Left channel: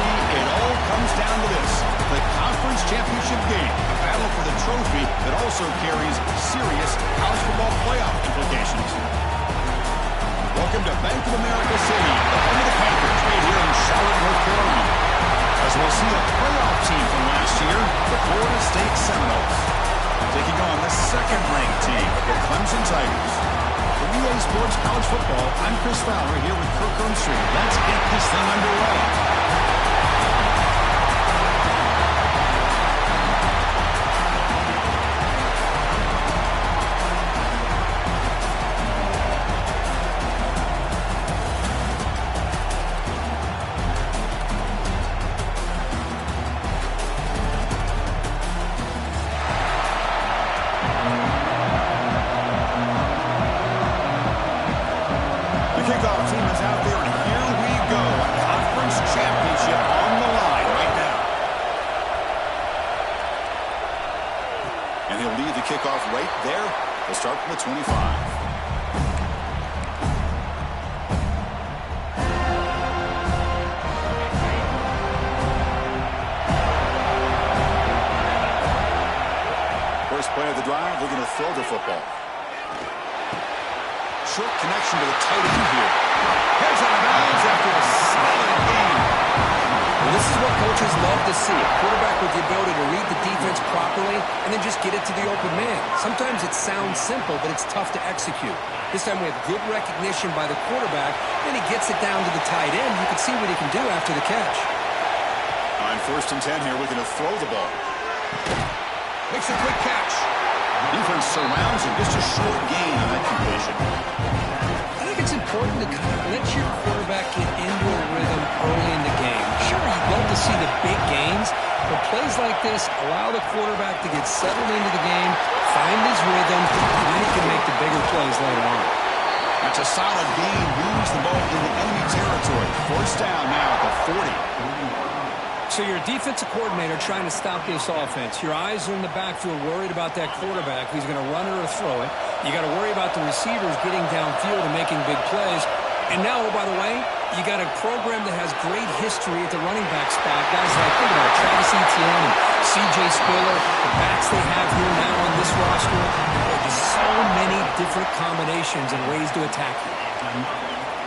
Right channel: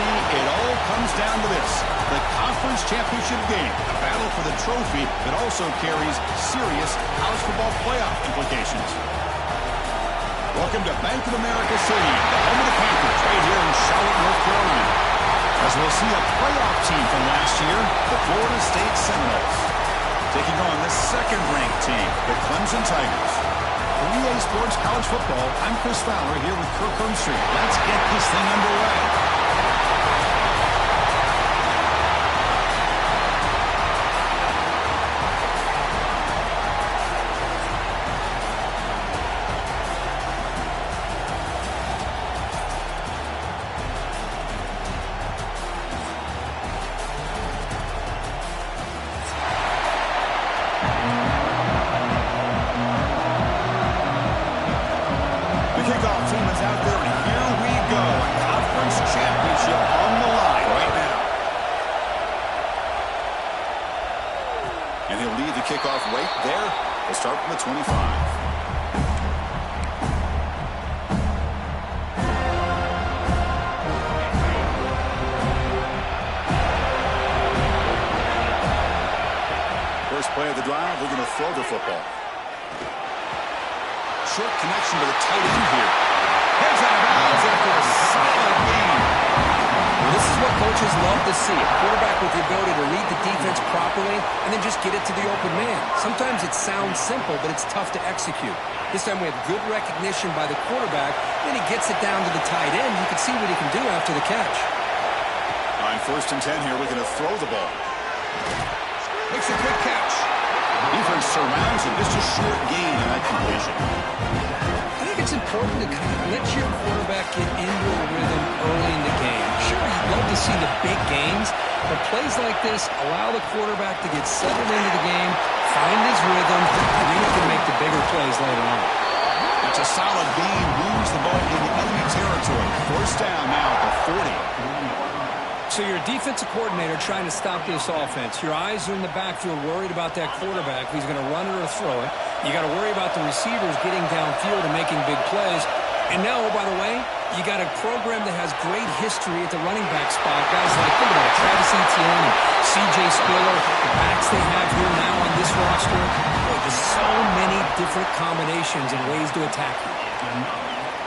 see, it all comes down to this. The conference championship game, a battle for the trophy that also carries serious college football playoff implications. Welcome to Bank of America City, the home of the Panthers, right here in Charlotte, North Carolina. As we'll see a playoff team from last year, the Florida State Seminoles, taking on the second-ranked team, the Clemson Tigers. For EA Sports College Football, I'm Chris Fowler here with Kirk Herbstreit. Let's get this thing underway. Kickoff team is out there, and here we go. A conference championship on the line right now. And he'll lead the kickoff right there. He'll start from the 25. First play of the drive, we're going to throw the football. Short connection to the tight end here. Heads out of bounds after a solid game. Well, this is what coaches love to see. A quarterback with the ability to read the defense properly and then just get it to the open man. Sometimes it sounds simple, but it's tough to execute. This time we have good recognition by the quarterback. Then he gets it down to the tight end. You can see what he can do after the catch. On 1st and 10 here, looking to throw the ball. Makes a quick catch. Defense surrounds him. Just a short gain on that completion. I think it's important to kind of let your quarterback get into a rhythm early in the game. Sure, you'd love to see the big gains, but plays like this allow the quarterback to get settled into the game, find his rhythm, and then he can make the bigger plays later on. That's a solid gain. Moves the ball into enemy territory. 1st down now at the 40. So you're a defensive coordinator trying to stop this offense. Your eyes are in the backfield worried about that quarterback. He's going to run it or throw it. You got to worry about the receivers getting downfield and making big plays. And now, oh, by the way, you got a program that has great history at the running back spot. Guys like, think about it, Travis Etienne and C.J. Spiller, the backs they have here now on this roster. There are just so many different combinations and ways to attack you.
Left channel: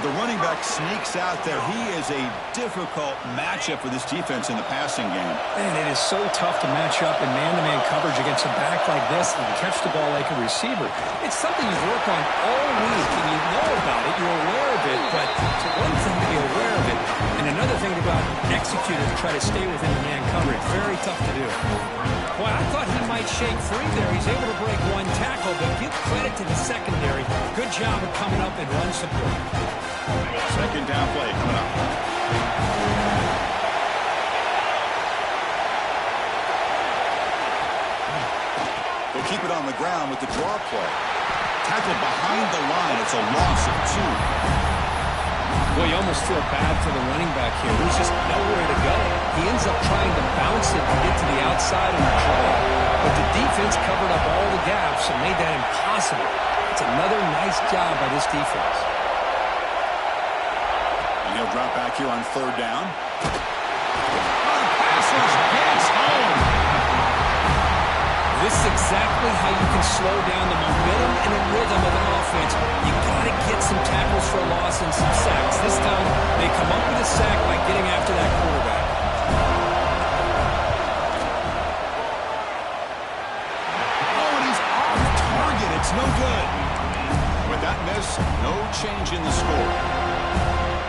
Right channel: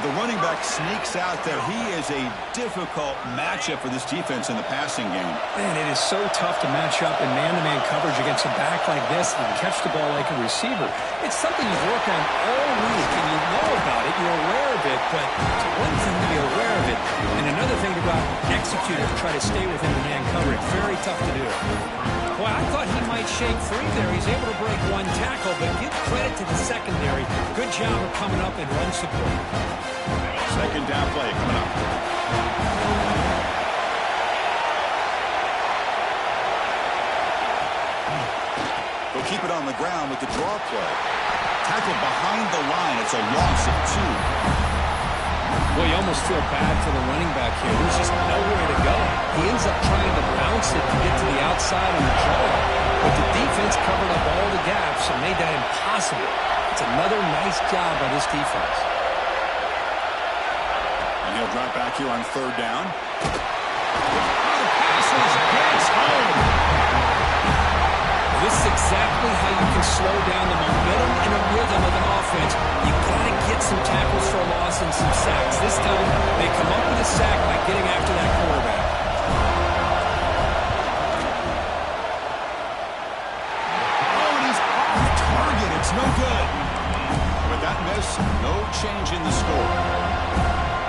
The running back sneaks out there. He is a difficult matchup for this defense in the passing game. Man, it is so tough to match up in man-to-man coverage against a back like this and catch the ball like a receiver. It's something you work on all week, and you know about it. You're aware of it, but it's one thing to be aware of it, and another thing to go out and execute it to try to stay within the man coverage. Very tough to do. Boy, I thought he might shake free there. He's able to break one tackle, but give credit to the secondary. Good job of coming up and run support. Second down play coming up. They'll keep it on the ground with the draw play. Tackle behind the line. It's a loss of 2. Well, you almost feel bad for the running back here. There's just nowhere to go. He ends up trying to bounce it to get to the outside and the draw. But the defense covered up all the gaps and made that impossible. It's another nice job by this defense. And he'll drop back here on 3rd down. The pass rush gets home. This is exactly how you can slow down the momentum and the rhythm of an offense. You got to get some tackles for a loss and some sacks. This time, they come up with a sack by getting after that quarterback. Oh, and he's off target. It's no good. With that miss, no change in the score.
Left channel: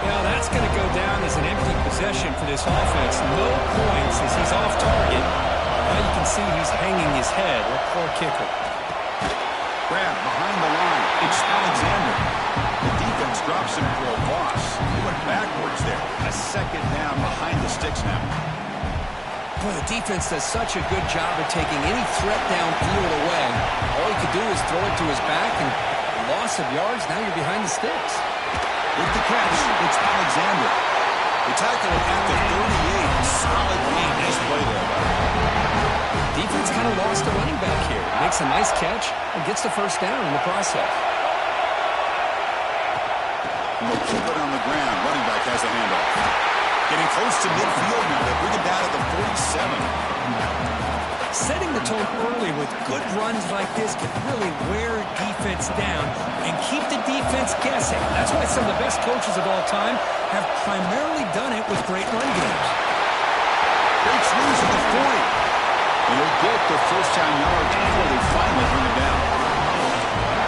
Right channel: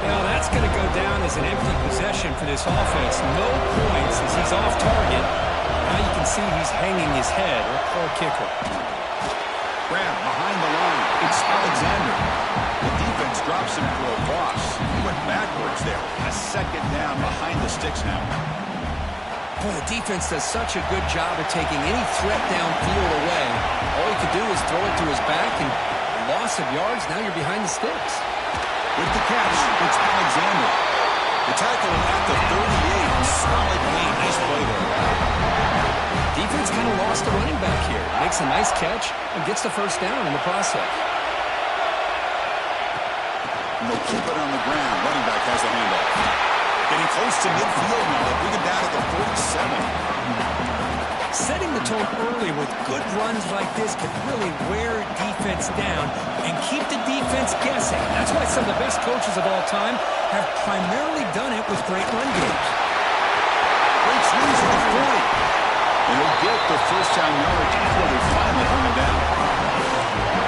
Now that's going to go down as an empty possession for this offense. No points as he's off target. Now you can see he's hanging his head. What a poor kicker. Grab behind the line. It's Alexander. The defense drops him for a loss. He went backwards there. A 2nd down behind the sticks now. Boy, the defense does such a good job of taking any threat downfield away. All he could do is throw it to his back, and loss of yards, now you're behind the sticks. With the catch, it's Alexander. They tackle him at the 38. Solid gain. Nice play there. Defense kind of lost the running back here. Makes a nice catch and gets the 1st down in the process. And they'll keep it on the ground. Running back has the handoff. Getting close to midfield now. They bring him down to the 47. Setting the tone early with good runs like this can really wear defense down and keep the defense guessing. That's why some of the best coaches of all time have primarily done it with great run games. Breaks loose at the 40. And they'll get the first down yards before they finally bring him down.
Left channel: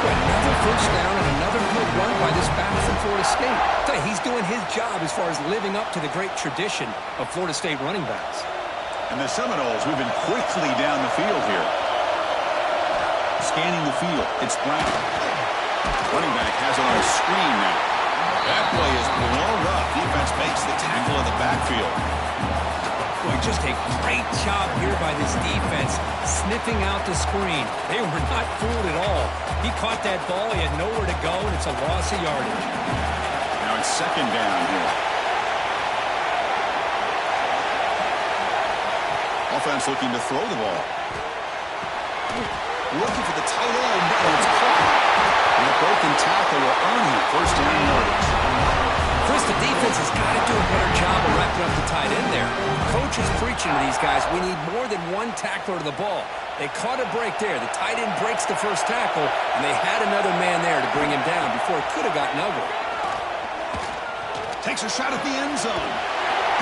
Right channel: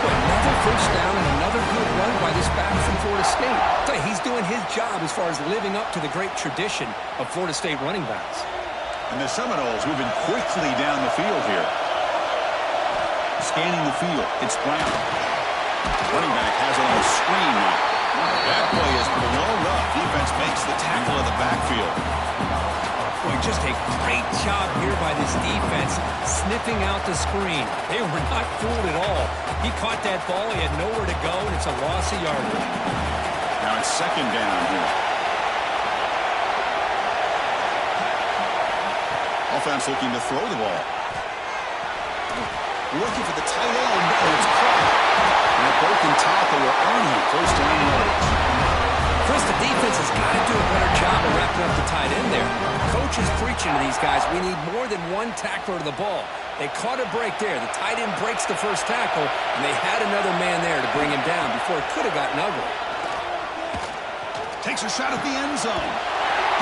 Another first down and another good run by this back from Florida State. He's doing his job as far as living up to the great tradition of Florida State running backs. And the Seminoles moving quickly down the field here. Scanning the field. It's Brown. Running back has it on a screen now. That play is blown up. Defense makes the tackle of the backfield. Boy, just a great job here by this defense, sniffing out the screen. They were not fooled at all. He caught that ball, he had nowhere to go, and it's a loss of yardage. Now it's second down here. Offense looking to throw the ball. Looking for the tight end, and it's caught. And a broken tackle will earn him first down yardage. Chris, the defense has got to do a better job of wrapping up the tight end there. Coach is preaching to these guys, we need more than one tackler to the ball. They caught a break there. The tight end breaks the first tackle, and they had another man there to bring him down before it could have gotten ugly. Takes a shot at the end zone.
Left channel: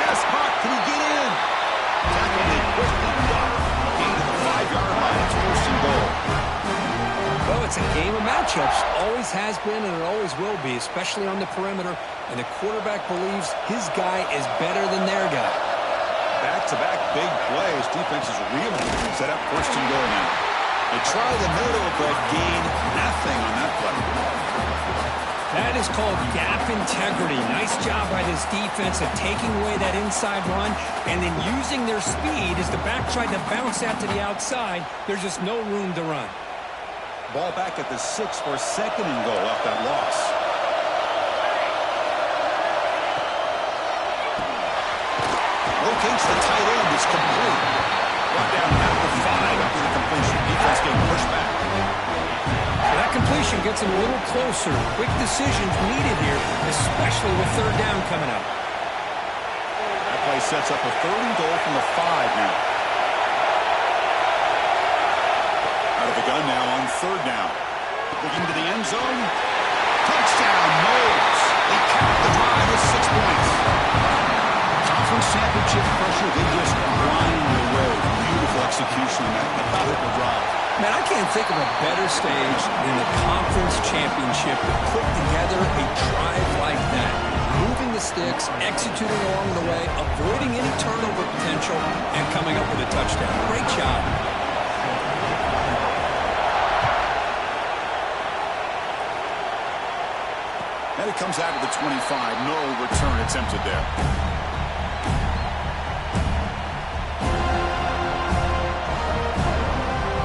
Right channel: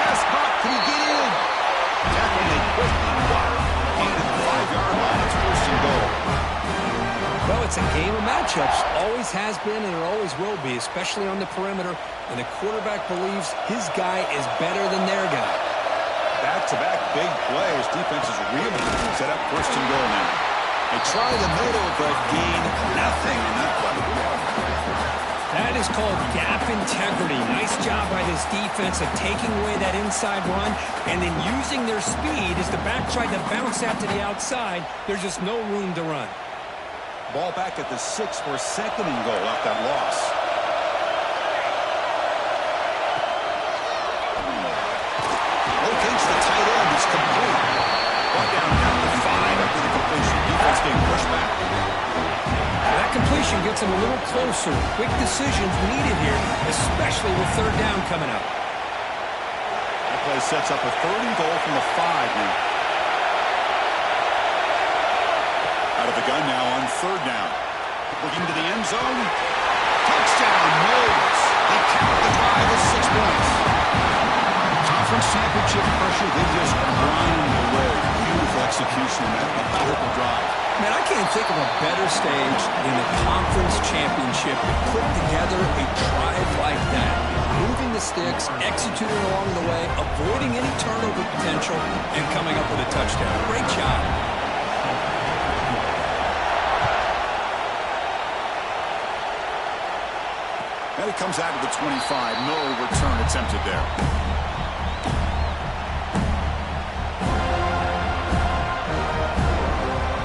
Pass caught. Can he get in? Tackle made quickly. Blocked. Gain to the 5-yard line. It's first and goal. Well, it's a game of matchups. Always has been, and it always will be, especially on the perimeter. And the quarterback believes his guy is better than their guy. Back-to-back big plays. Defense is reeling. Set up first and goal now. They try the middle, but gain nothing on that play. That is called gap integrity. Nice job by this defense of taking away that inside run and then using their speed as the back tried to bounce out to the outside. There's just no room to run. Ball back at the 6 for second and goal off that loss. Locates the tight end. It's complete. Brought down at the 5 after the completion. Defense getting pushed back. That completion gets him a little closer. Quick decisions needed here, especially with third down coming up. That play sets up a third and goal from the 5 now. Out of the gun now on third down. Looking to the end zone. Touchdown, Knowles. They cap the drive with 6 points. Conference championship pressure, they just grind away. Beautiful execution in that methodical drive. Man, I can't think of a better stage than the conference championship to put together a drive like that. Moving the sticks, executing along the way, avoiding any turnover potential, and coming up with a touchdown. Great job. And it comes out of the 25. No return attempted there.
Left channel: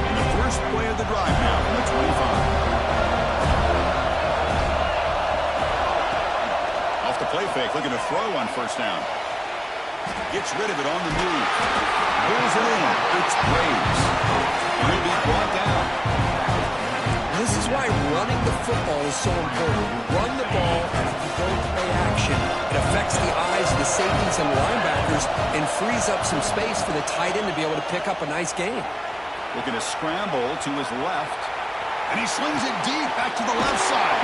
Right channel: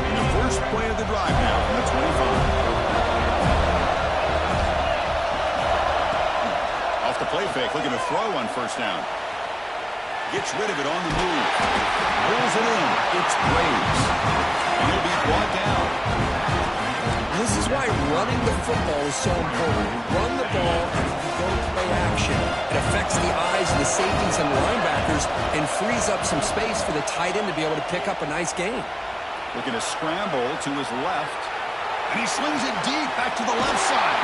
And the first play of the drive now from the 25. Off the play fake, looking to throw on first down. Gets rid of it on the move. Pulls it in. It's Graves. And he'll be brought down. This is why running the football is so important. You run the ball and if you don't play action, it affects the eyes of the safeties and linebackers and frees up some space for the tight end to be able to pick up a nice game. Looking to scramble to his left. And he slings it deep back to the left side.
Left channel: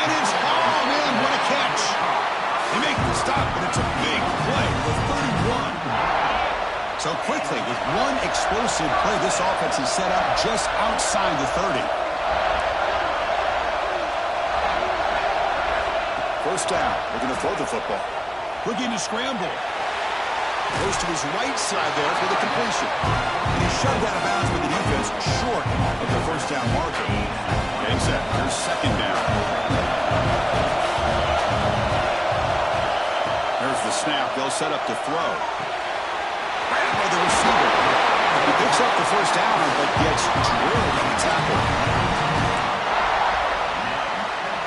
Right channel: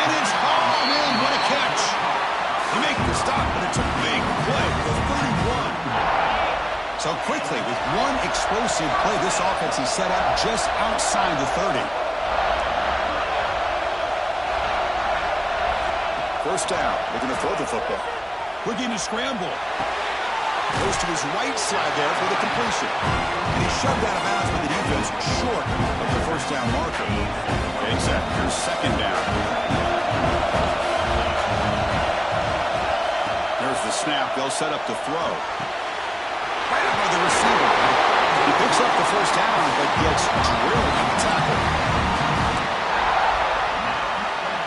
And it's hauled in. What a catch. They make the stop, but it's a big play with a 31. So quickly, with one explosive play, this offense is set up just outside the 30. First down, looking to throw the football. Looking to scramble. Goes to his right side there for the completion. And he's shoved out of bounds by the defense short of the first down marker. Getting set. Here's second down. There's the snap. They'll set up to throw. Right up by the receiver. He picks up the first down, but gets drilled on the tackle.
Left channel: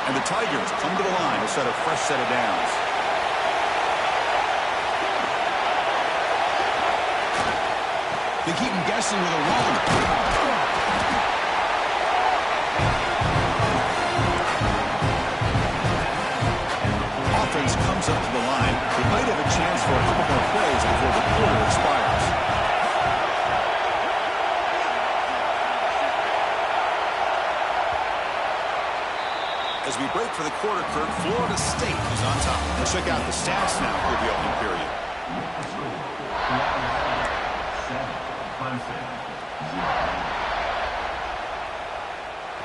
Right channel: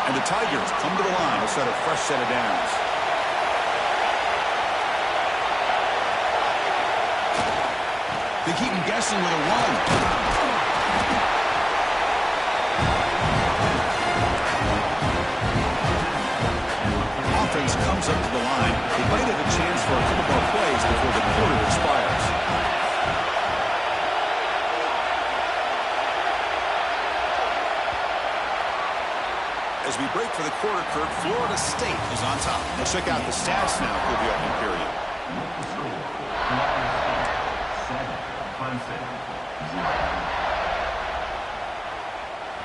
And the Tigers come to the line to set a fresh set of downs. They keep him guessing with a run. Off offense comes up to the line, they might have a chance for a couple more plays before the quarter expires. As we break for the quarter, Kirk, Florida State is on top. Let's check out the stats now for the opening period.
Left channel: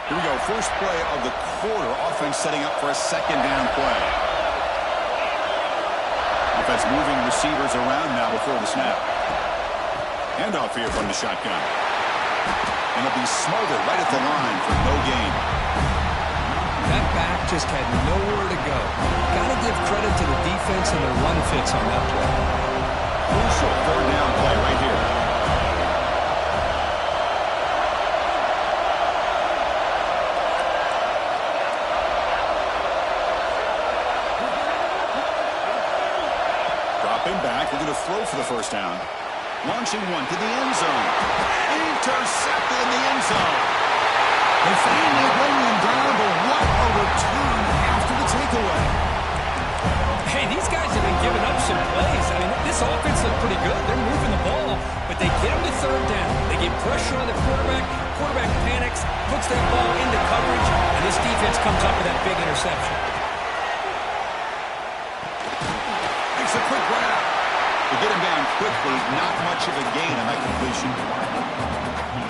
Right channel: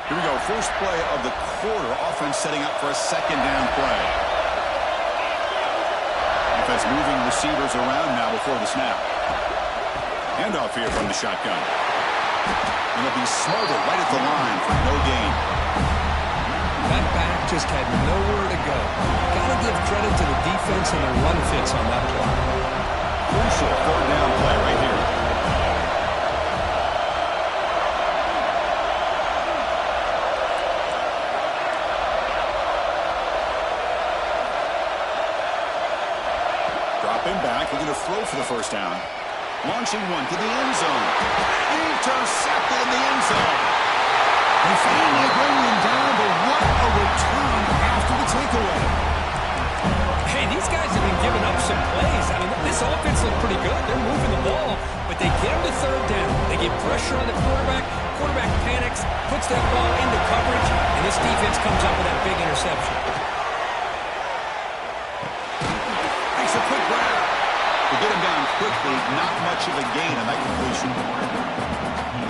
Here we go. First play of the quarter. Offense setting up for a second down play. Offense moving receivers around now before the snap. Handoff here from the shotgun. And it'll be smothered right at the line for no gain. That back just had nowhere to go. Got to give credit to the defense and their run fits on that play. Crucial third down play right here. Dropping back, looking to throw for the first down. Launching one to the end zone. Intercepted in the end zone. They finally bring him down, but what a return after the takeaway. Hey, these guys have been giving up some plays. I mean, this offense looked pretty good. They're moving the ball, but they get him to third down. They get pressure on the quarterback. Quarterback panics, puts that ball into coverage, and this defense comes up with that big interception. Makes a quick grab. To get him down quickly, not much of a gain on that completion.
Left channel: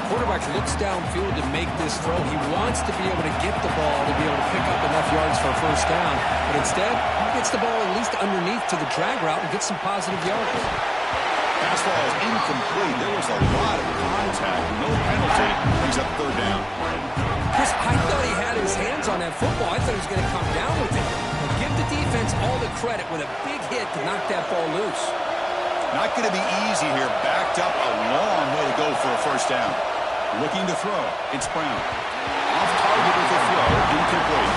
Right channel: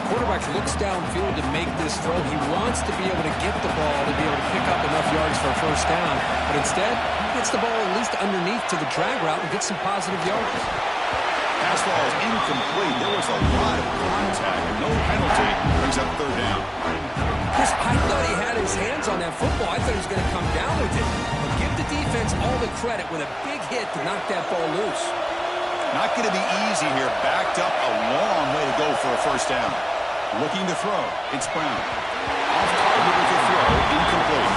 Quarterback looks downfield to make this throw. He wants to be able to get the ball to be able to pick up enough yards for a first down. But instead, he gets the ball at least underneath to the drag route and gets some positive yards. Pass ball is incomplete. There was a lot of contact. No penalty. Brings up third down. Chris, I thought he had his hands on that football. I thought he was going to come down with it. But give the defense all the credit with a big hit to knock that ball loose. Not going to be easy here. Backed up a long way to go for a first down. Looking to throw. It's Brown. Off target with the throw. Incomplete.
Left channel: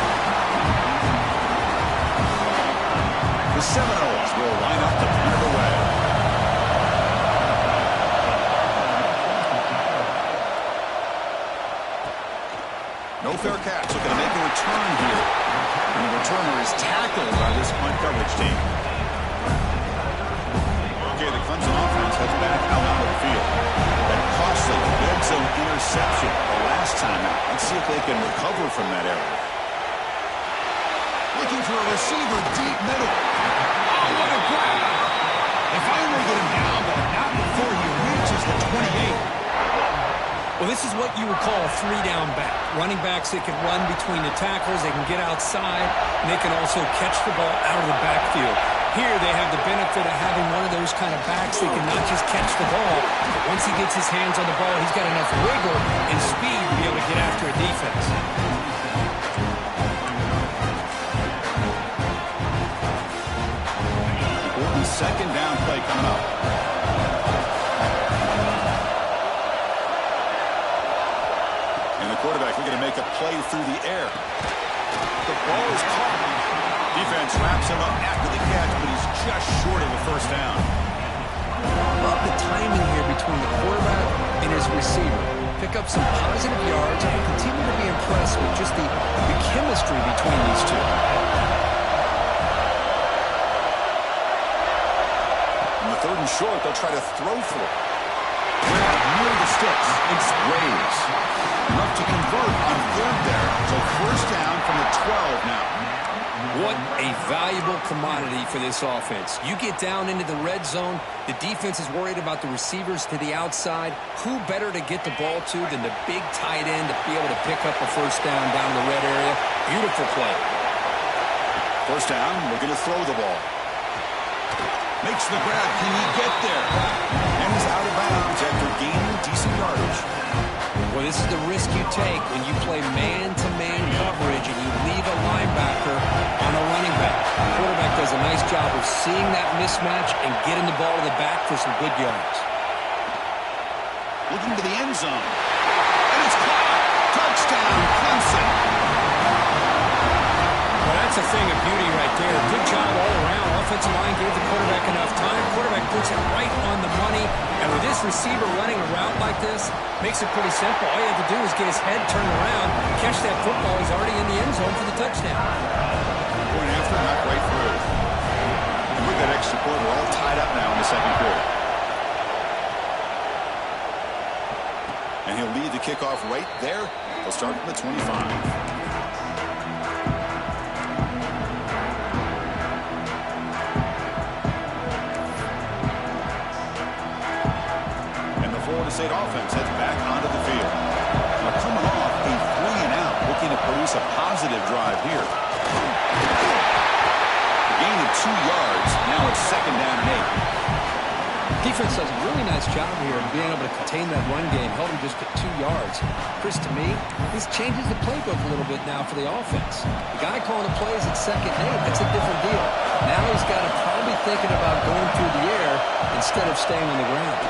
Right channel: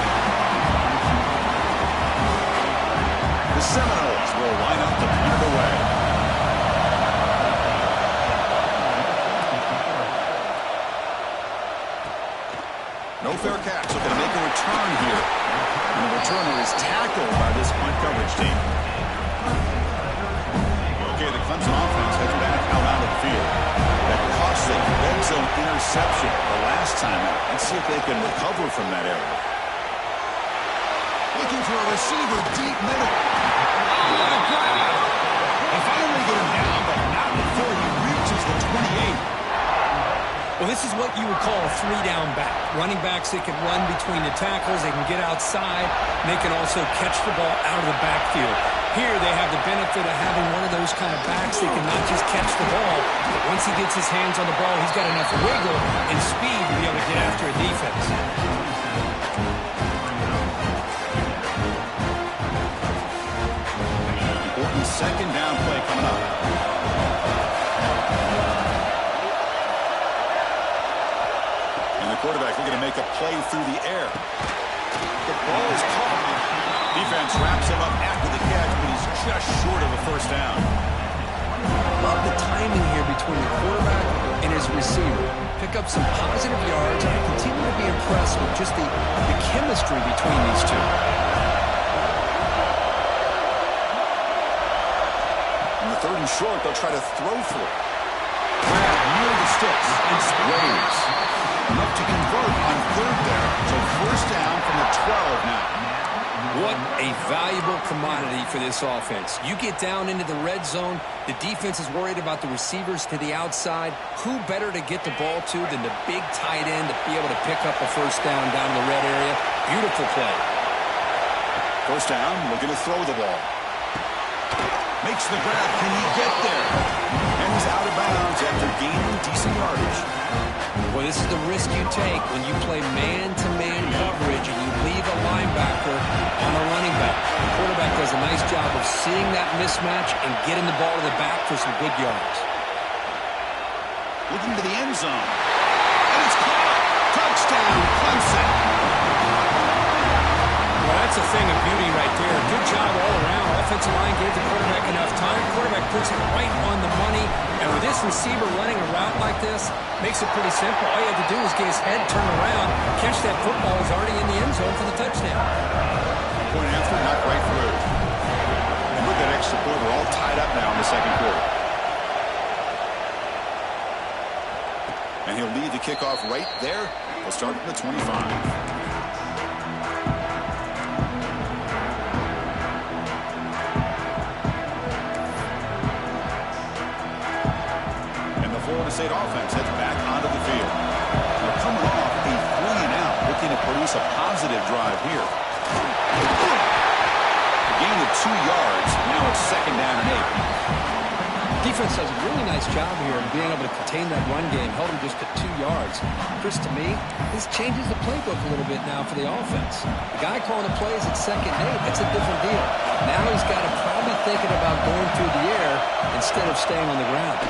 The Seminoles will line up to punt it away. No fair catch. Looking to make a return here. And the returner is tackled by this punt coverage team. Okay, the Clemson offense heads back out onto the field. That costly red zone interception the last time out. Let's see if they can recover from that error. Looking for a receiver deep middle. Oh, what a grab! They finally get him down, but not before he reaches the 28. Well, this is what you would call a three-down back. Running backs that can run between the tackles, they can get outside, and they can also catch the ball out of the backfield. Here they have the benefit of having one of those kind of backs that can not just catch the ball, but once he gets his hands on the ball, he's got enough wiggle and speed to be able to get after a defense. Important second down play coming up. And the quarterback looking to make a play through the air. The ball is caught. Defense wraps him up after the catch, but he's just short of a first down. Love the timing here between the quarterback and his receiver. Pick up some positive yards, and I continue to be impressed with just the chemistry between these two. In the third and short, they'll try to throw for it. Grab near the sticks and sprays. Enough to convert on third there, so first down from the 12 now. What a valuable commodity for this offense. You get down into the red zone, the defense is worried about the receivers to the outside. Who better to get the ball to than the big tight end to be able to pick up a first down in the red area? Beautiful play. First down, looking to throw the ball. Makes the grab. Can he get there? And he's out of bounds after gaining decent yardage. Well, this is the risk you take when you play man-to-man coverage and you leave a linebacker on a running back. The quarterback does a nice job of seeing that mismatch and getting the ball to the back for some good yards. Looking to the end zone. And it's caught. Touchdown, Clemson. Well, that's a thing of beauty right there. Good job all around. Offensive line gave the quarterback enough time. Quarterback puts it right on the money. And with this receiver running a route like this, makes it pretty simple. All you have to do is get his head turned around, catch that football. He's already in the end zone for the touchdown. Two-point effort, not right through. And with that extra point, we're all tied up now in the second quarter. And he'll lead the kickoff right there. They'll start from the 25. Florida State offense heads back onto the field. Now coming off a 3-and-out, looking to produce a positive drive here. A gain of 2 yards. Now it's 2nd down and 8. Defense does a really nice job here of being able to contain that run game. Held him just to 2 yards. Chris, to me, this changes the playbook a little bit now for the offense. The guy calling the plays at 2nd and 8, that's a different deal. Now he's got to probably thinking about going through the air instead of staying on the ground.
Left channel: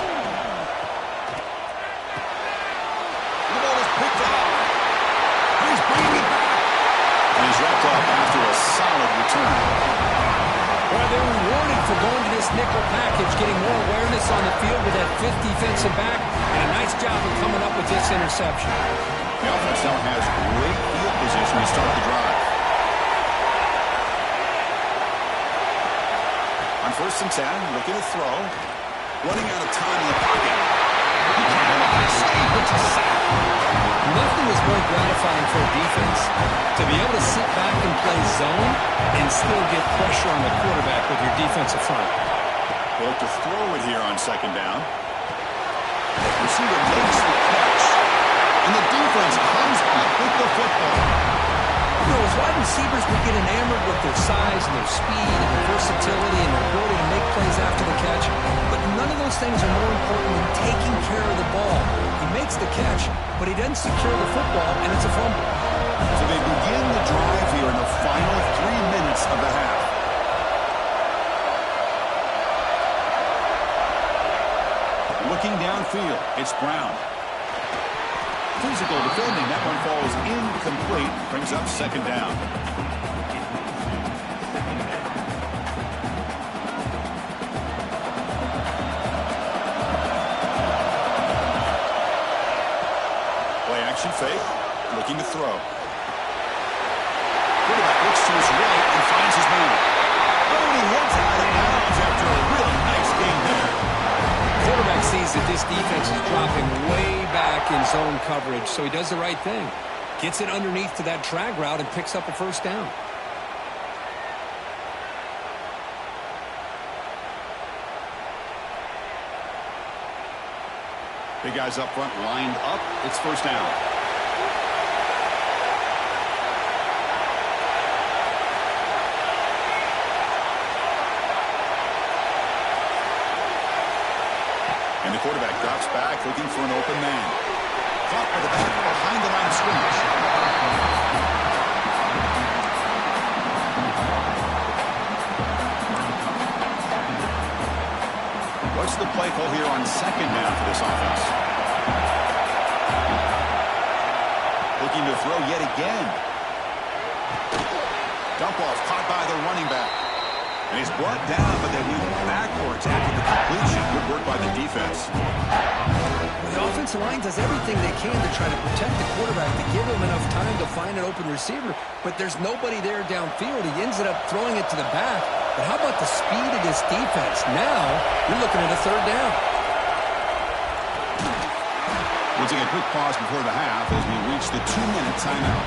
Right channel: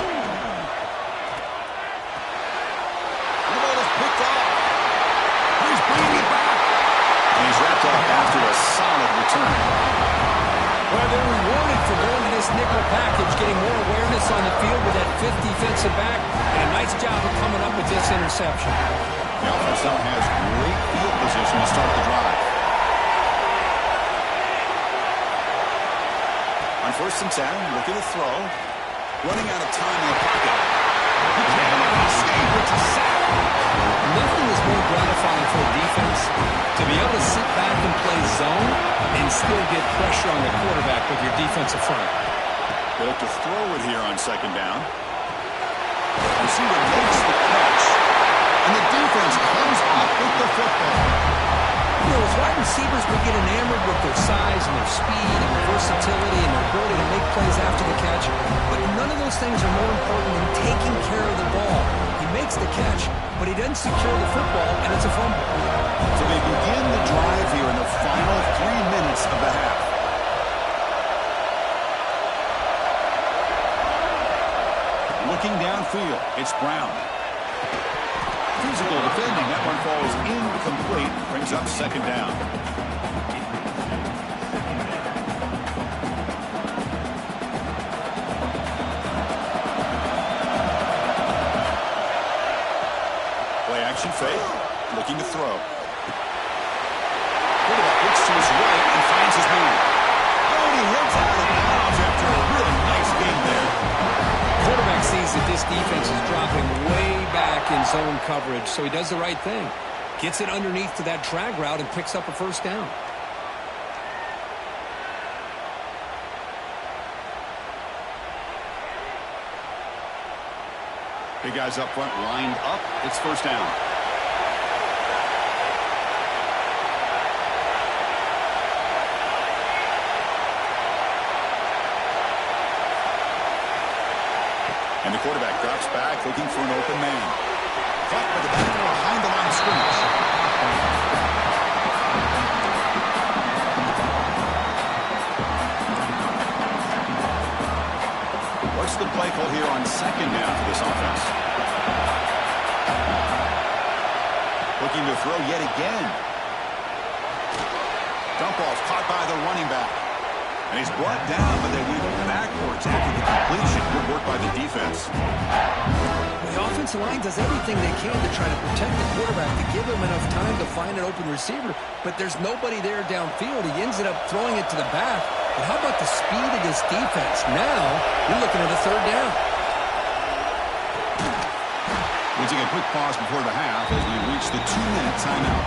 Picked off. He's bringing it back. And he's wrapped up after a solid return. Well, they're rewarded for going to this nickel package, getting more awareness on the field with that 5th defensive back, and a nice job of coming up with this interception. The offense now has great field position to start the drive. On 1st and 10, looking to throw. Running out of time in the pocket. He cannot escape. It's a sack. Nothing is more gratifying for a defense to be able to sit back and play zone and still get pressure on the quarterback with your defensive front. They look to throw it here on 2nd down. Receiver makes the catch, and the defense comes up with the football. You know, as wide receivers, we get enamored with their size and their speed and their versatility and their ability to make plays after the catch. But none of those things are more important than taking care of the ball. He makes the catch, but he doesn't secure the football, and it's a fumble. So they begin the drive here in the final 3 minutes of the half. Looking downfield, it's Brown. Physical defending. That one falls incomplete. Brings up 2nd down. Play action fake. Looking to throw. Quarterback looks to his right and finds his man. Oh, and he hits out of bounds after a really nice game there. Quarterback sees that this defense is dropping way back in zone coverage, so he does the right thing. Gets it underneath to that drag route and picks up a 1st down. Big guys up front lined up. It's 1st down. And the quarterback drops back, looking for an open man. Caught by the back behind the line of scrimmage. What's the play call here on 2nd down for this offense? Looking to throw yet again. Dump off caught by the running back. And he's brought down, but they went backwards after the completion. Good work by the defense. Well, the offensive line does everything they can to try to protect the quarterback, to give him enough time to find an open receiver. But there's nobody there downfield. He ends up throwing it to the back. But how about the speed of this defense? Now you're looking at a 3rd down. We'll take a quick pause before the half as we reach the 2-minute timeout.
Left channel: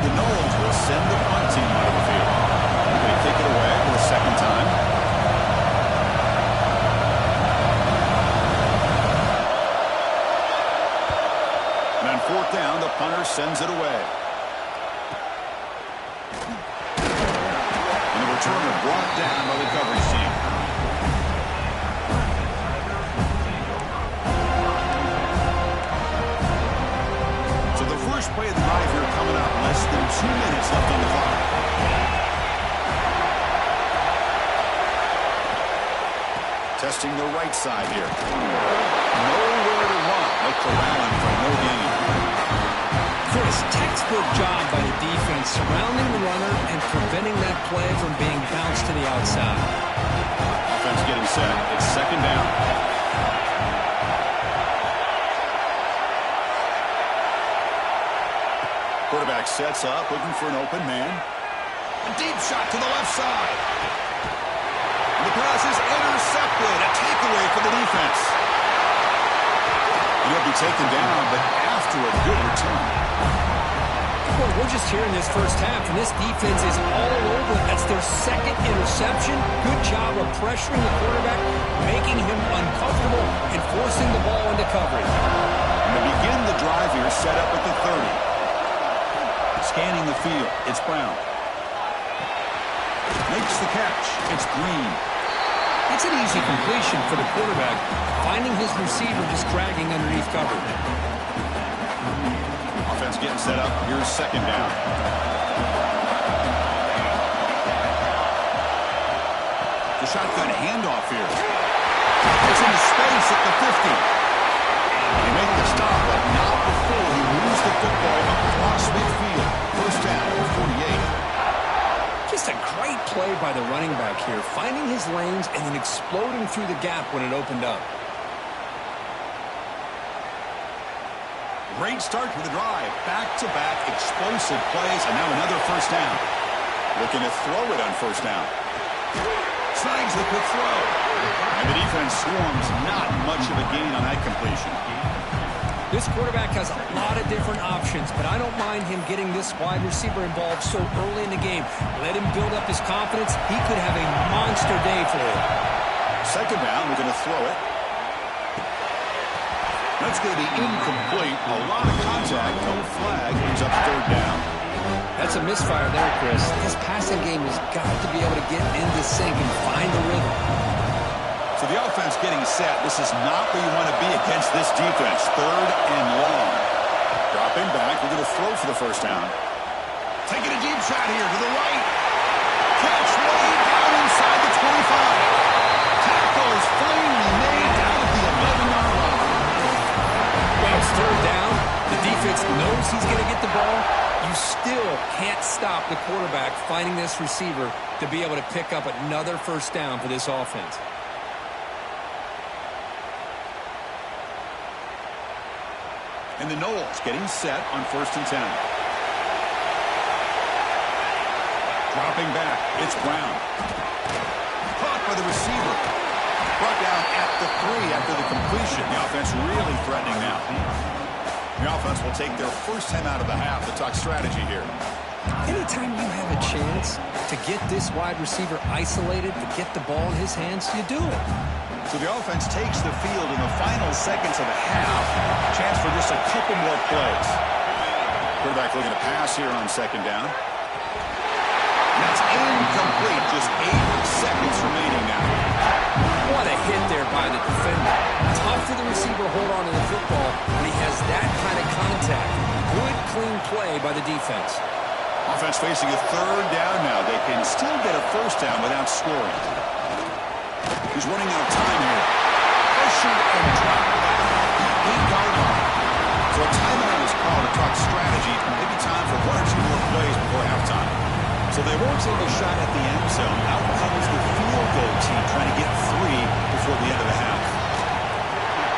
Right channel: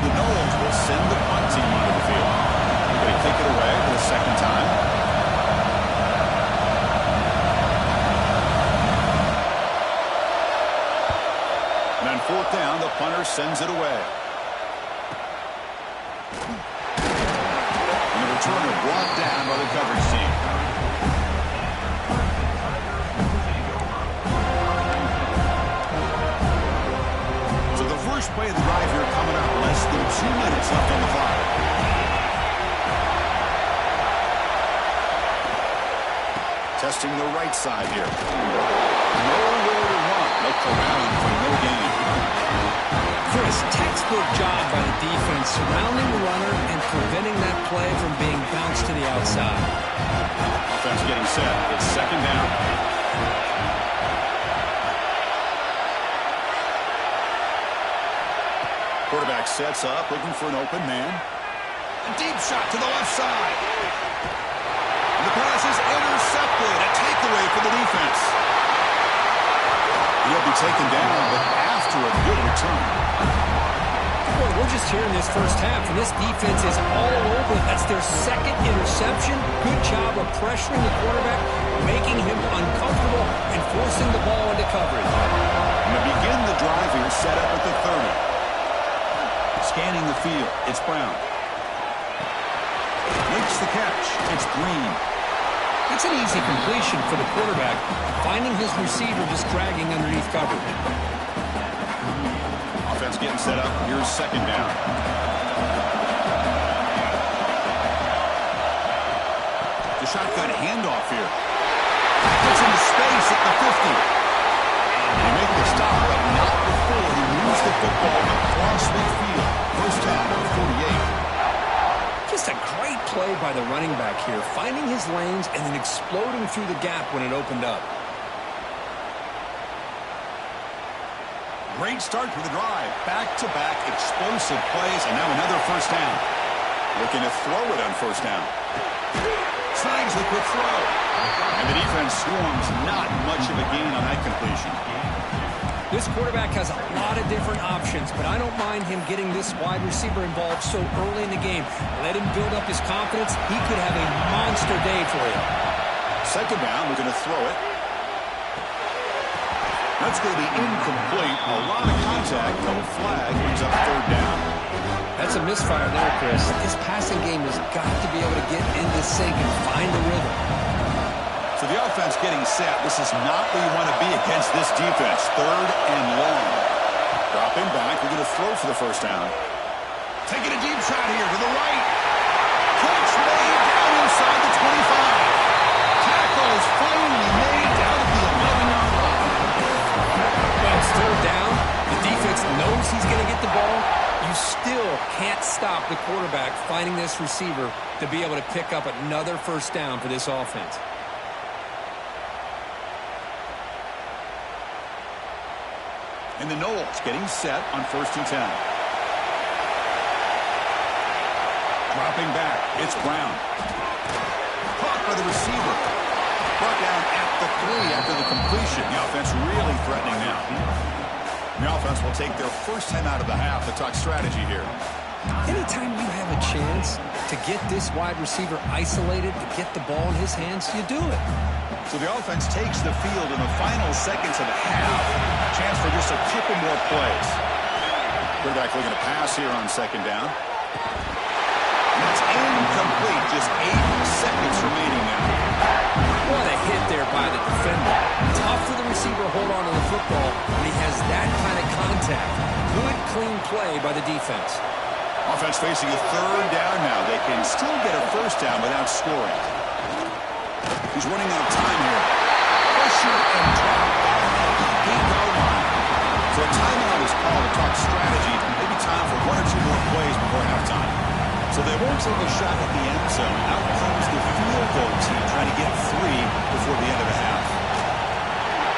The Noles will send the punt team onto the field. They're going to kick it away for the 2nd time. And on 4th down, the punter sends it away. And the returner brought down by the coverage team. So the first play of the drive here coming up. Less than 2 minutes left on the clock. Testing the right side here. Nowhere to run. No corralling for no gain. Chris, textbook job by the defense surrounding the runner and preventing that play from being bounced to the outside. Offense getting set. It's 2nd down. Quarterback sets up, looking for an open man. A deep shot to the left side. And the pass is intercepted. A takeaway for the defense. He'll be taken down, but after a good return. Boy, we're just here in this first half, and this defense is all over it. That's their second interception. Good job of pressuring the quarterback, making him uncomfortable, and forcing the ball into coverage. And they begin the drive here, set up at the 30. Scanning the field, it's Brown. Makes the catch, it's Green. It's an easy completion for the quarterback, finding his receiver just dragging underneath coverage. Offense getting set up. Here's second down. The shotgun handoff here. Gets into space at the 50. They make the stop, but not before he moves the football across midfield. First down at the 48. Just a great play by the running back here, finding his lanes and then exploding through the gap when it opened up. Great start to the drive. Back-to-back explosive plays, and now another first down. Looking to throw it on first down. Snags the quick throw. And the defense swarms, not much of a gain on that completion. This quarterback has a lot of different options, but I don't mind him getting this wide receiver involved so early in the game. Let him build up his confidence. He could have a monster day for you. Second down, we're going to throw it. That's going to be incomplete. A lot of contact. No flag. Brings up third down. That's a misfire there, Chris. This passing game has got to be able to get into sync and find the rhythm. So the offense getting set. This is not where you want to be against this defense. Third and long. Dropping back. We're going to throw for the first down. Taking a deep shot here to the right. Catch made down inside the 25. Tackle is finally made down at the 11-yard line. Well, it's third down. The defense knows he's going to get the ball. You still can't stop the quarterback finding this receiver to be able to pick up another first down for this offense. And the Knowles getting set on 1st and 10. Dropping back, it's Brown. Caught by the receiver. Brought down at the 3 after the completion. The offense really threatening now. The offense will take their first time out of the half to talk strategy here. Anytime you have a chance to get this wide receiver isolated, to get the ball in his hands, you do it. So the offense takes the field in the final seconds of the half. Chance for just a couple more plays. Quarterback looking to pass here on second down. And that's incomplete. Just 8 seconds remaining now. What a hit there by the defender. Tough for the receiver to hold on to the football when he has that kind of contact. Good, clean play by the defense. Offense facing a third down now. They can still get a first down without scoring. He's running out of time here. Pressured and dropped back at the 8-yard line. So a timeout is called to talk strategy. Maybe time for 1 or 2 more plays before halftime. So they won't take a shot at the end zone. Out comes the field goal team trying to get 3 before the end of the half.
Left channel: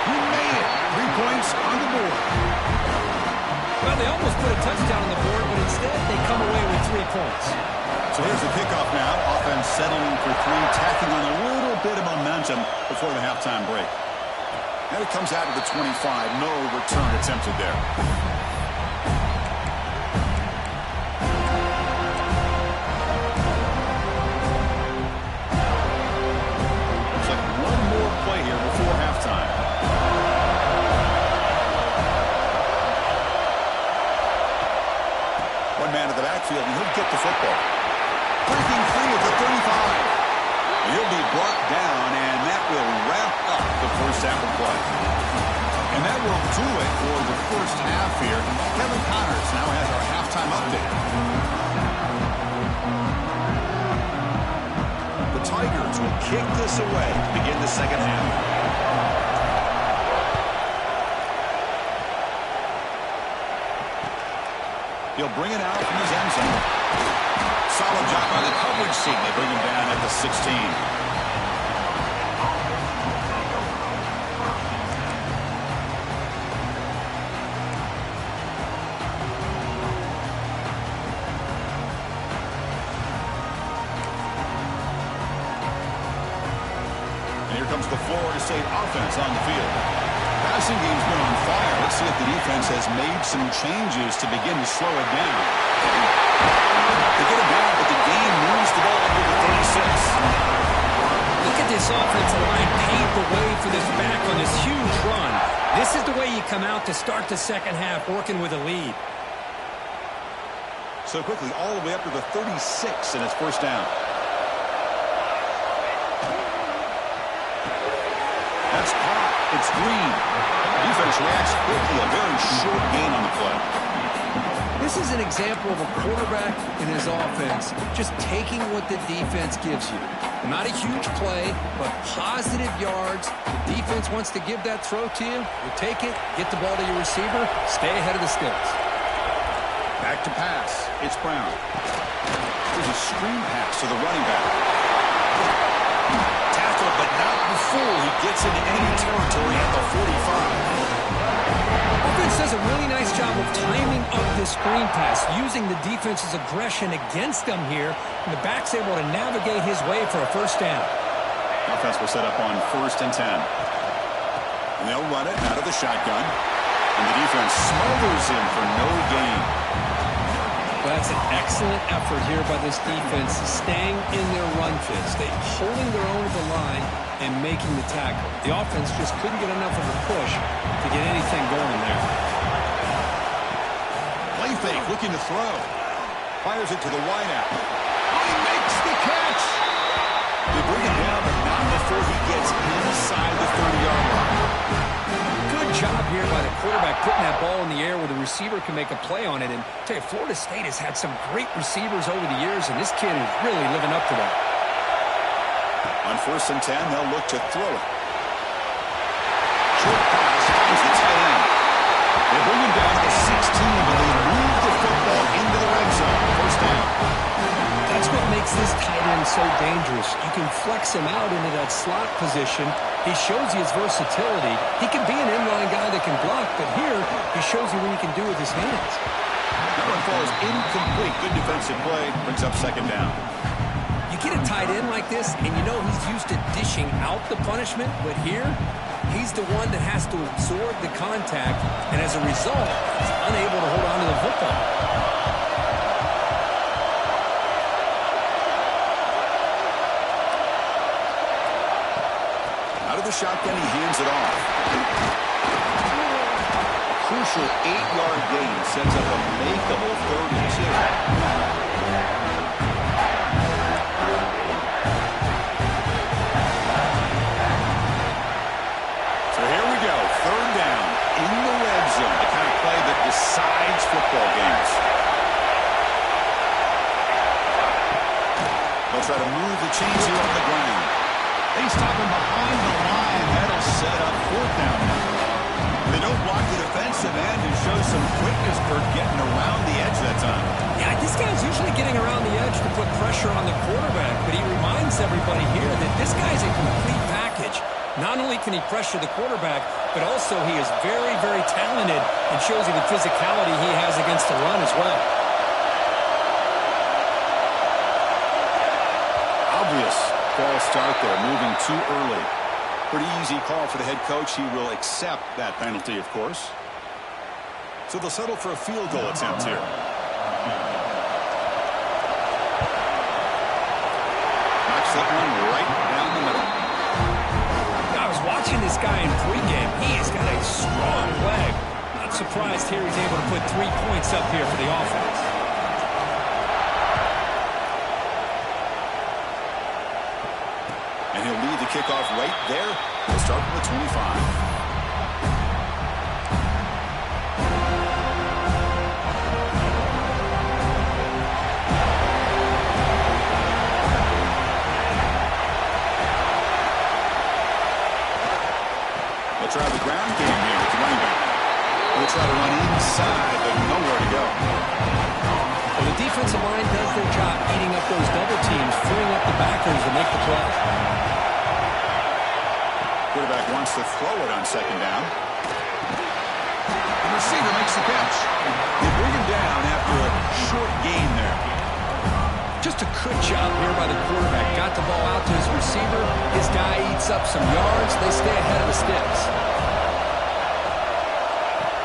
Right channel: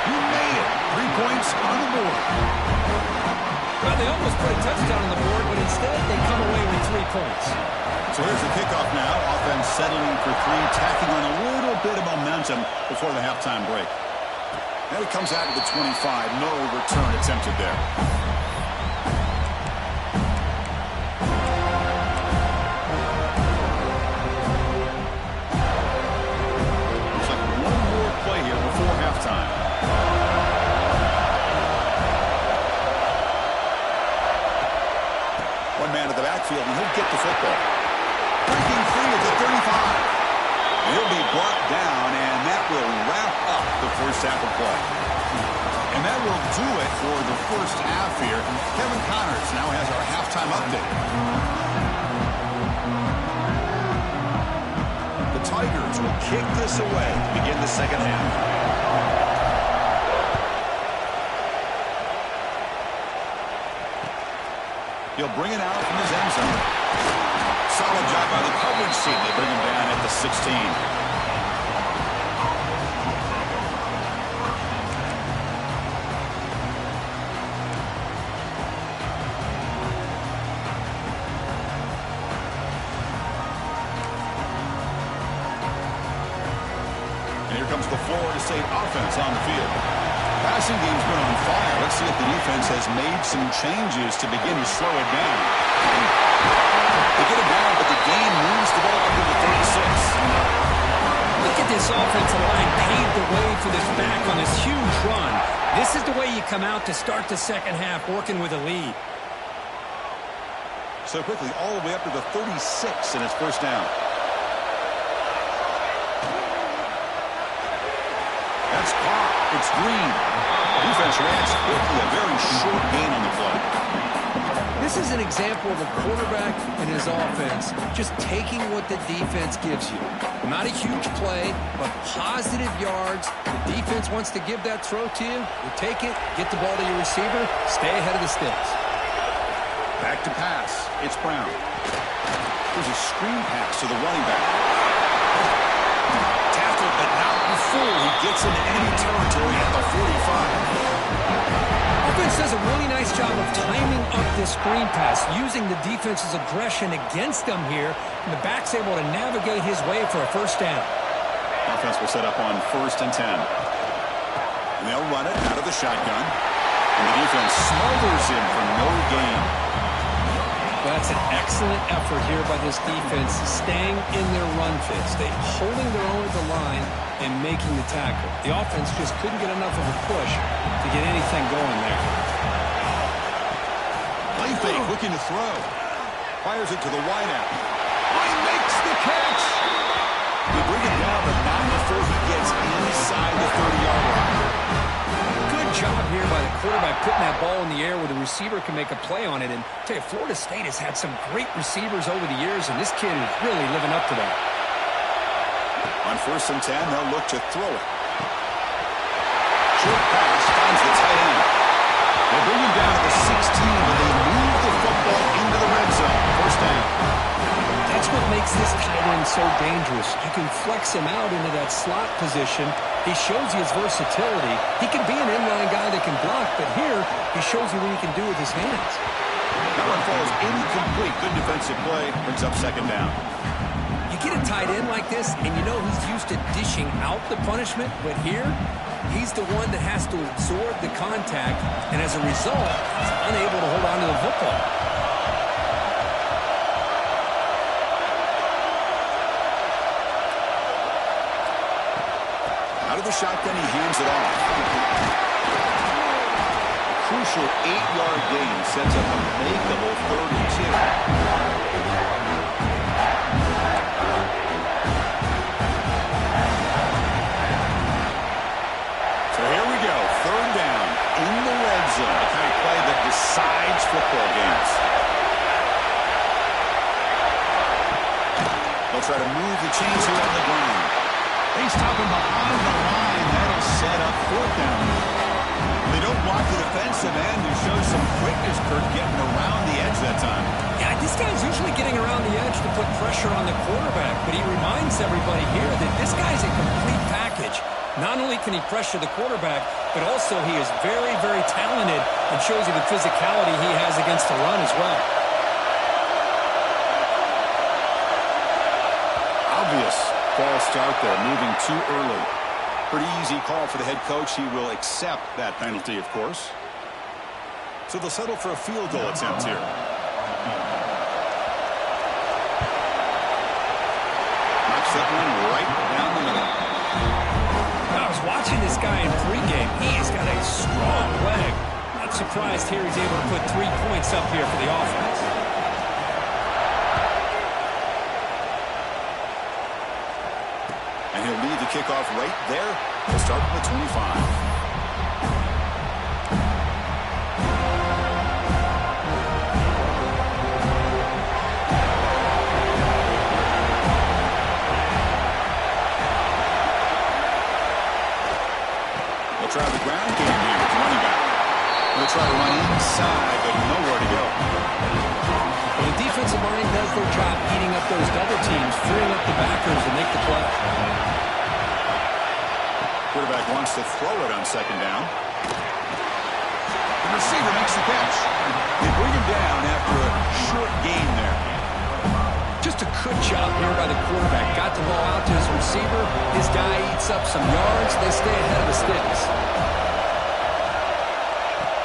You made it. 3 points on the board. Well, they almost put a touchdown on the board, but instead they come away with 3 points. So here's the kickoff now. Offense settling for 3, tacking on a little bit of momentum before the halftime break. And it comes out to the 25. No return attempted there. Looks like one more play here before halftime. One man at the backfield, and he'll get the football. Breaking free at the 35. He'll be brought down, and that will wrap up the first half of play. And that will do it for the first half here. Kevin Connors now has our halftime update. The Tigers will kick this away to begin the second half. He'll bring it out from his end zone. Solid job by the coverage team. They bring him down at the 16. And here comes the Florida State offense on the field. Passing game's been on fire. Let's see if the defense has made some changes to begin to slow it down. They get it down, but the game moves the ball up to the 36. Look at this offensive line paved the way for this back on this huge run. This is the way you come out to start the second half, working with a lead. So quickly, all the way up to the 36, and it's first down. That's caught. It's Green. Defense reacts quickly. A very short gain on the play. This is an example of a quarterback and his offense just taking what the defense gives you. Not a huge play, but positive yards. The defense wants to give that throw to you. You take it, get the ball to your receiver, stay ahead of the sticks. Back to pass. It's Brown. There's a screen pass to the running back. Tackled, but not before he gets into enemy territory at the 45. Offense does a really nice job of timing up this screen pass, using the defense's aggression against them here, and the back's able to navigate his way for a first down. Offense will set up on 1st and 10. And they'll run it out of the shotgun. And the defense smothers him for no gain. Well, that's an excellent effort here by this defense, staying in their run fits. They holding their own at the line and making the tackle. The offense just couldn't get enough of a push to get anything going there. Play fake, looking to throw. Fires it to the wideout. Oh, he makes the catch! They bring him down, but not before he gets inside the 30-yard line. Good job here by the quarterback putting that ball in the air where the receiver can make a play on it. And I tell you, Florida State has had some great receivers over the years, and this kid is really living up to that. On 1st and 10, they'll look to throw it. Short pass finds the tight end. They bring him down to the 16, but they move the football into the red zone. First down. That's what makes this tight end so dangerous. You can flex him out into that slot position. He shows you his versatility. He can be an inline guy that can block, but here he shows you what he can do with his hands. That one falls incomplete. Good defensive play. Brings up second down. You get a tight end like this, and you know he's used to dishing out the punishment, but here he's the one that has to absorb the contact, and as a result, he's unable to hold on to the football. Out of the shotgun, he hands it off. A crucial 8-yard gain sets up a makeable 3rd and 2. So here we go, 3rd down in the red zone, the kind of play that decides football games. They'll try to move the chains here on the ground. They stop him behind the line. That'll set up 4th down now. They don't block the defensive end and show some quickness, Kurt, getting around the edge that time. Yeah, this guy's usually getting around the edge to put pressure on the quarterback, but he reminds everybody here that this guy's a complete package. Not only can he pressure the quarterback, but also he is very, very talented and shows you the physicality he has against the run as well. Obvious false start there, moving too early. Pretty easy call for the head coach. He will accept that penalty, of course. So they'll settle for a field goal attempt here. Knocks that one right down the middle. I was watching this guy in pregame. He has got a strong leg. Not surprised here he's able to put 3 points up here for the offense. And he'll lead the kickoff right there. He'll start from the 25. They'll try the ground game here with the running back. They'll try to run inside, but nowhere to go. Well, the defensive line does their job eating up those double teams, freeing up the backers to make the play. Quarterback wants to throw it on 2nd down. The receiver makes the catch. They bring him down after a short gain there. Just Just a good job here by the quarterback. Got the ball out to his receiver. His guy eats up some yards. They stay ahead of the sticks.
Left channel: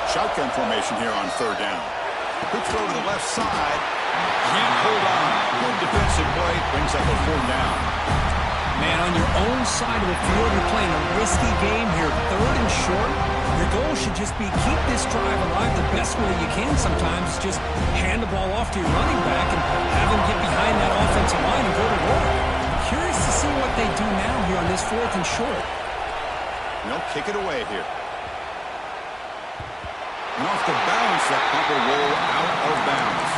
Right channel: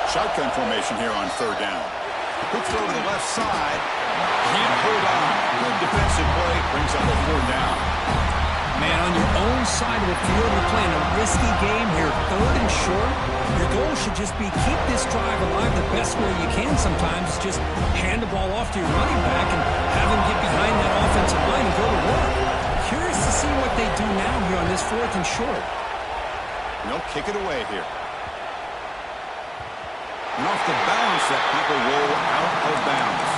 Shotgun formation here on third down. Quick throw to the left side. Can't hold on. Good defensive play. Brings up a fourth down. Man, on your own side of the field, you're playing a risky game here. Third and short. Your goal should just be keep this drive alive the best way you can sometimes. Is just hand the ball off to your running back and have him get behind that offensive line and go to work. Curious to see what they do now here on this fourth and short. They'll kick it away here. And off the bounce, that punt will roll out of bounds.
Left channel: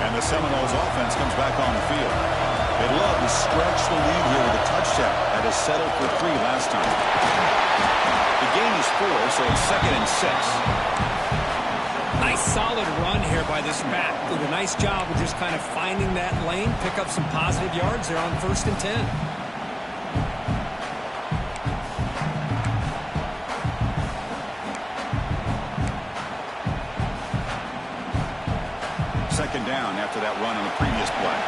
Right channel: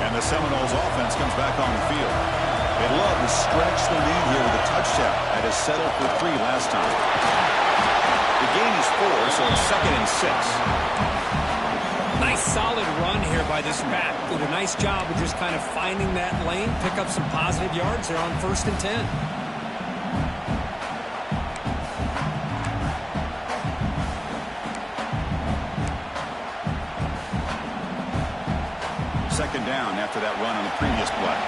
And the Seminoles offense comes back on the field. They love to stretch the lead here with a touchdown. That is settled for 3 last time. The gain is 4, so it's 2nd and 6. Nice solid run here by this back. Did a nice job of just kind of finding that lane, pick up some positive yards there on 1st and 10. Second down after that run on the previous play.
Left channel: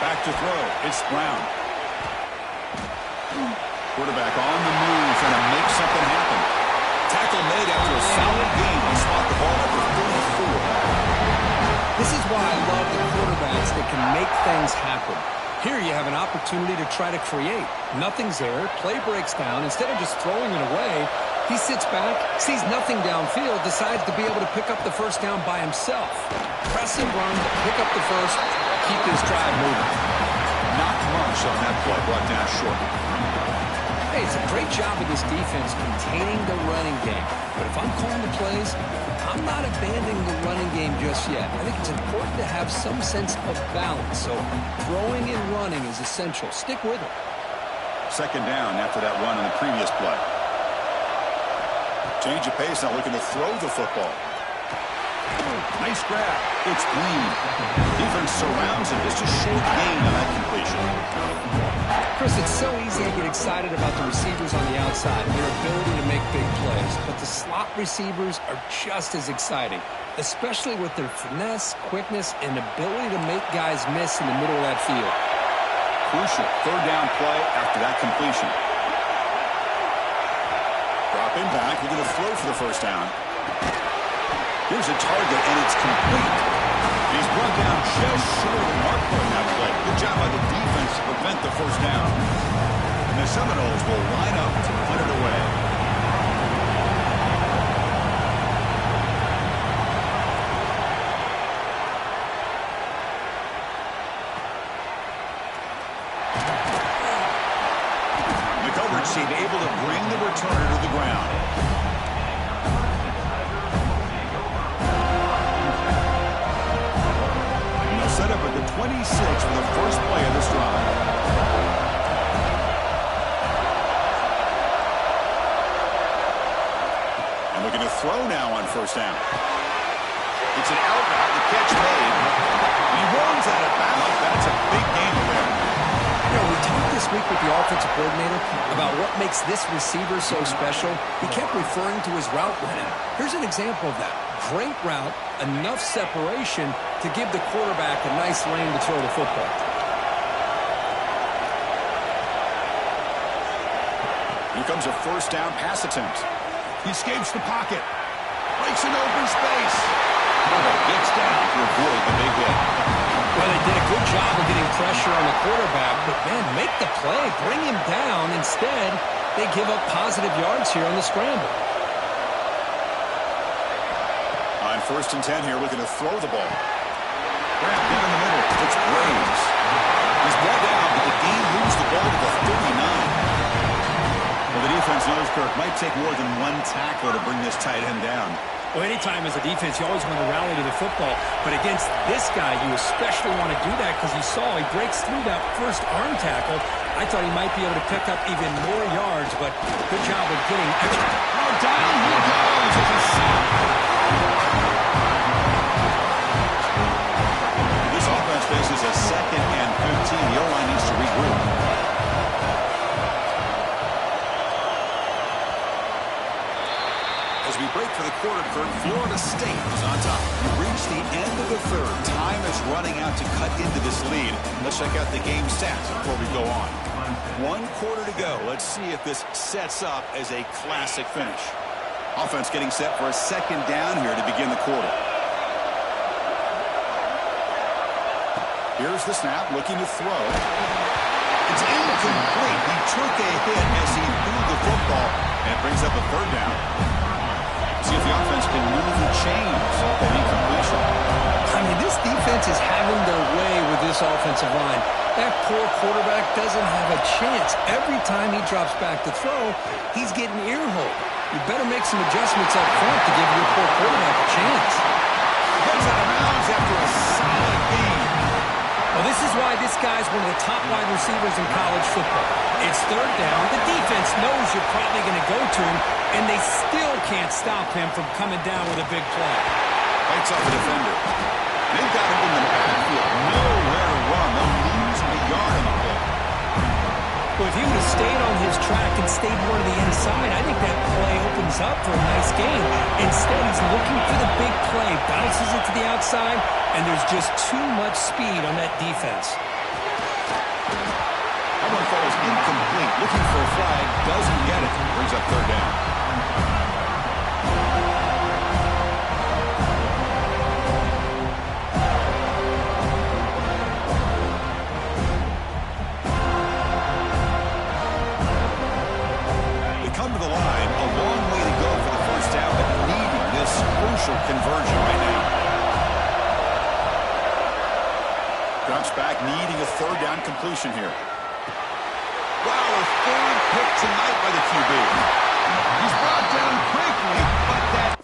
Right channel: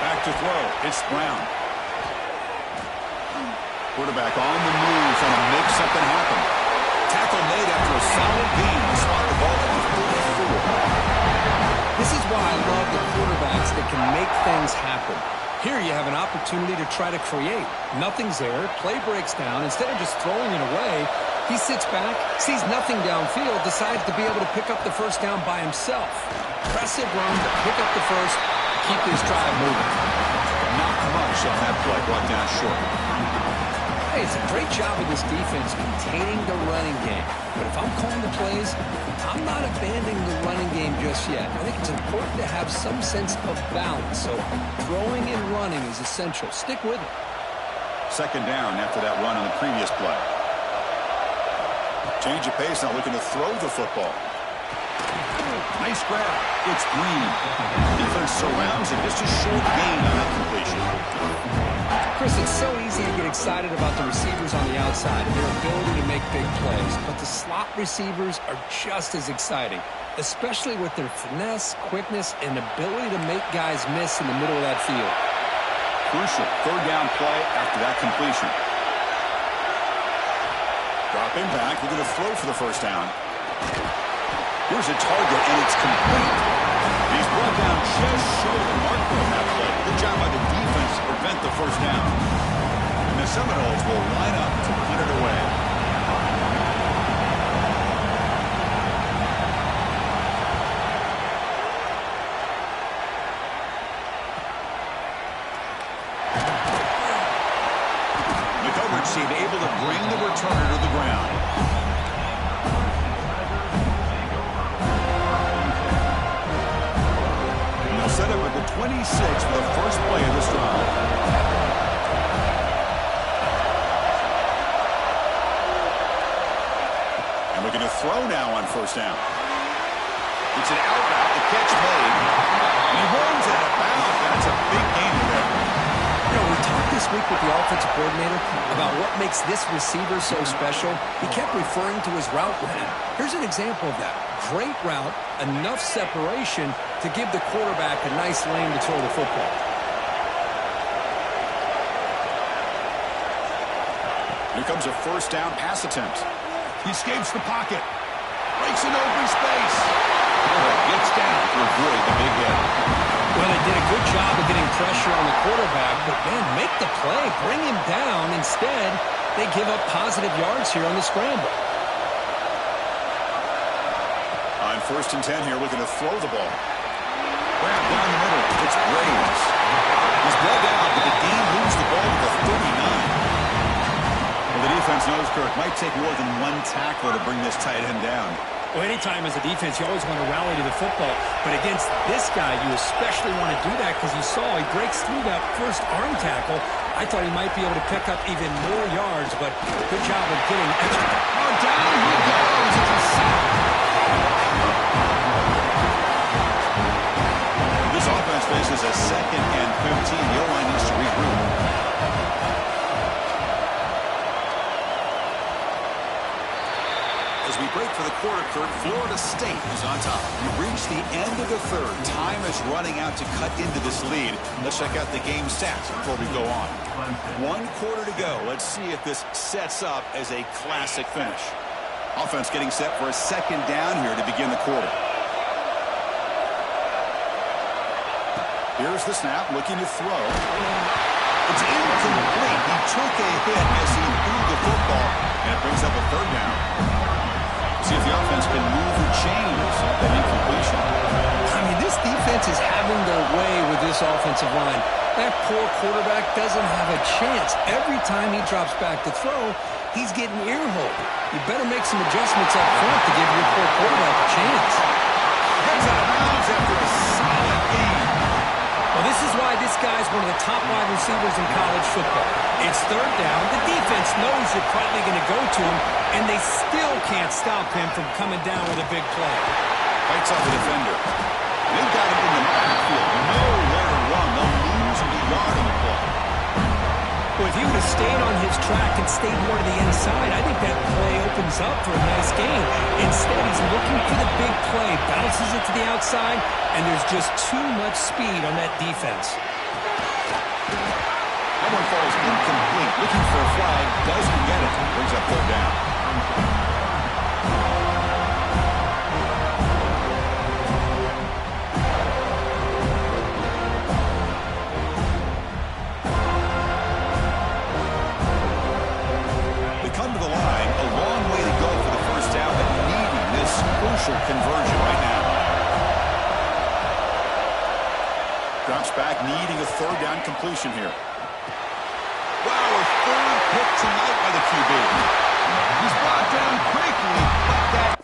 Back to throw. It's Brown. Quarterback on the move, trying to make something happen. Tackle made after a solid gain. He'll spot the ball at the 44. This is why I love the quarterbacks that can make things happen. Here you have an opportunity to try to create. Nothing's there. Play breaks down. Instead of just throwing it away, he sits back, sees nothing downfield, decides to be able to pick up the first down by himself. Impressive run to pick up the first, keep this drive moving. Not much on that play, brought down short. Hey, it's a great job of this defense containing the running game. But if I'm calling the plays, I'm not abandoning the running game just yet. I think it's important to have some sense of balance. So throwing and running is essential. Stick with it. Second down after that run on the previous play. Change of pace, now looking to throw the football. Nice grab. It's Green. Defense surrounds him. Just a short gain on that completion. Chris, it's so easy to get excited about the receivers on the outside and their ability to make big plays. But the slot receivers are just as exciting, especially with their finesse, quickness, and ability to make guys miss in the middle of that field. Crucial third down play after that completion. Dropping back, looking to throw for the first down. Here's a target, and it's complete. He's brought down just short of the marker on that play. Good job by the defense to prevent the first down. And the Seminoles will line up to punt it away. The coverage team able to bring the returner to the ground. Set up at the 26 for the first play of this drive. And looking to throw now on first down. It's an out route, the catch made. He runs out of bounds. That's a big gain there. You know, we talked this week with the offensive coordinator about what makes this receiver so special. He kept referring to his route running. Here's an example of that. Great route, enough separation to give the quarterback a nice lane to throw the football. Here comes a first down pass attempt. He escapes the pocket. Breaks an open space. Gets down to avoid the big hit. Well, they did a good job of getting pressure on the quarterback, but, man, make the play. Bring him down. Instead, they give up positive yards here on the scramble. On 1st and 10 here, looking to throw the ball. Grab down the middle. It's Braves. He's brought down, but the game moves the ball to the 39. Well, the defense knows, Kirk, might take more than one tackler to bring this tight end down. Well, anytime as a defense, you always want to rally to the football. But against this guy, you especially want to do that because you saw he breaks through that first arm tackle. I thought he might be able to pick up even more yards, but good job of getting extra. Oh, down he goes. It's a sack. This offense faces a 2nd and 15. The O-line needs to regroup. we break for the quarter, Kurt, Florida State is on top. We reach the end of the third. Time is running out to cut into this lead. Let's check out the game stats before we go on. 1 quarter to go. Let's see if this sets up as a classic finish. Offense getting set for a second down here to begin the quarter. Here's the snap, looking to throw. It's incomplete. He took a hit as he threw the football, and it brings up a third down. See if the offense can move or change that incompletion. I mean, this defense is having their way with this offensive line. That poor quarterback doesn't have a chance. Every time he drops back to throw, he's getting ear-holed. You better make some adjustments up front to give your poor quarterback a chance. Gets out of bounds after a solid gain. Well, this is why this guy's one of the top wide receivers in college football. It's third down. The defense knows you're probably going to go to him, and they still can't stop him from coming down with a big play. Fights off the defender. They've got him in the backfield. Nowhere to run. They'll lose a yard on the play. Well, if he would have stayed on his track and stayed more to the inside, I think that play opens up for a nice gain. Instead, he's looking for the big play, bounces it to the outside, and there's just too much speed on that defense. That one falls incomplete. Looking for a flag, doesn't get it. Brings up third down. Come to the line, a long way to go for the first down, but needing this crucial conversion right now. Drops back, needing a third down completion here. Wow, a third pick tonight by the QB. He's brought down quickly, but that...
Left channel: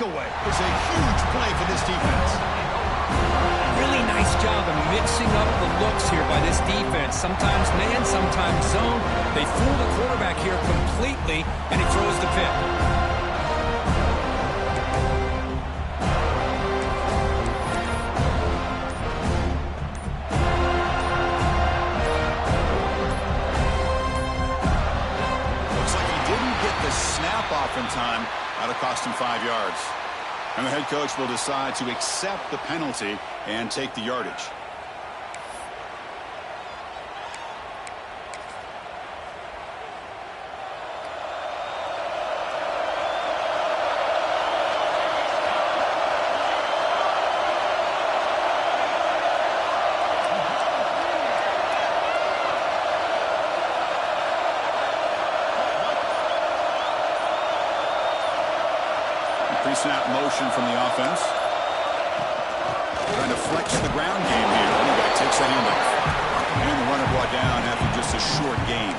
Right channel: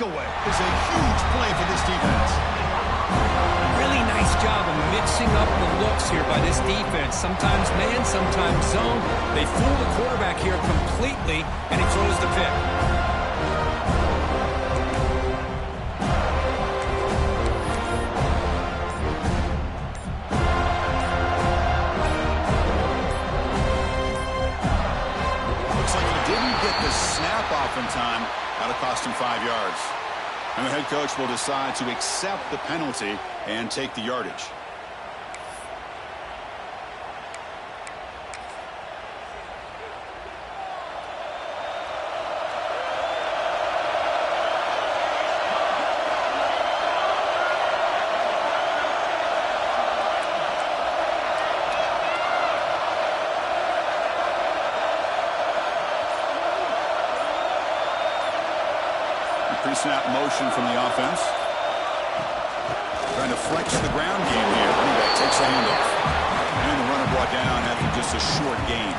Away is a huge play for this defense. Really nice job of mixing up the looks here by this defense. Sometimes man, sometimes zone. They fool the quarterback here completely, and he throws the pick. Looks like he didn't get the snap off in time. That'll cost him 5 yards. And the head coach will decide to accept the penalty and take the yardage. Pre-snap motion from the offense. Trying to flex the ground game here. Running back takes the handoff. And the runner brought down after just a short gain.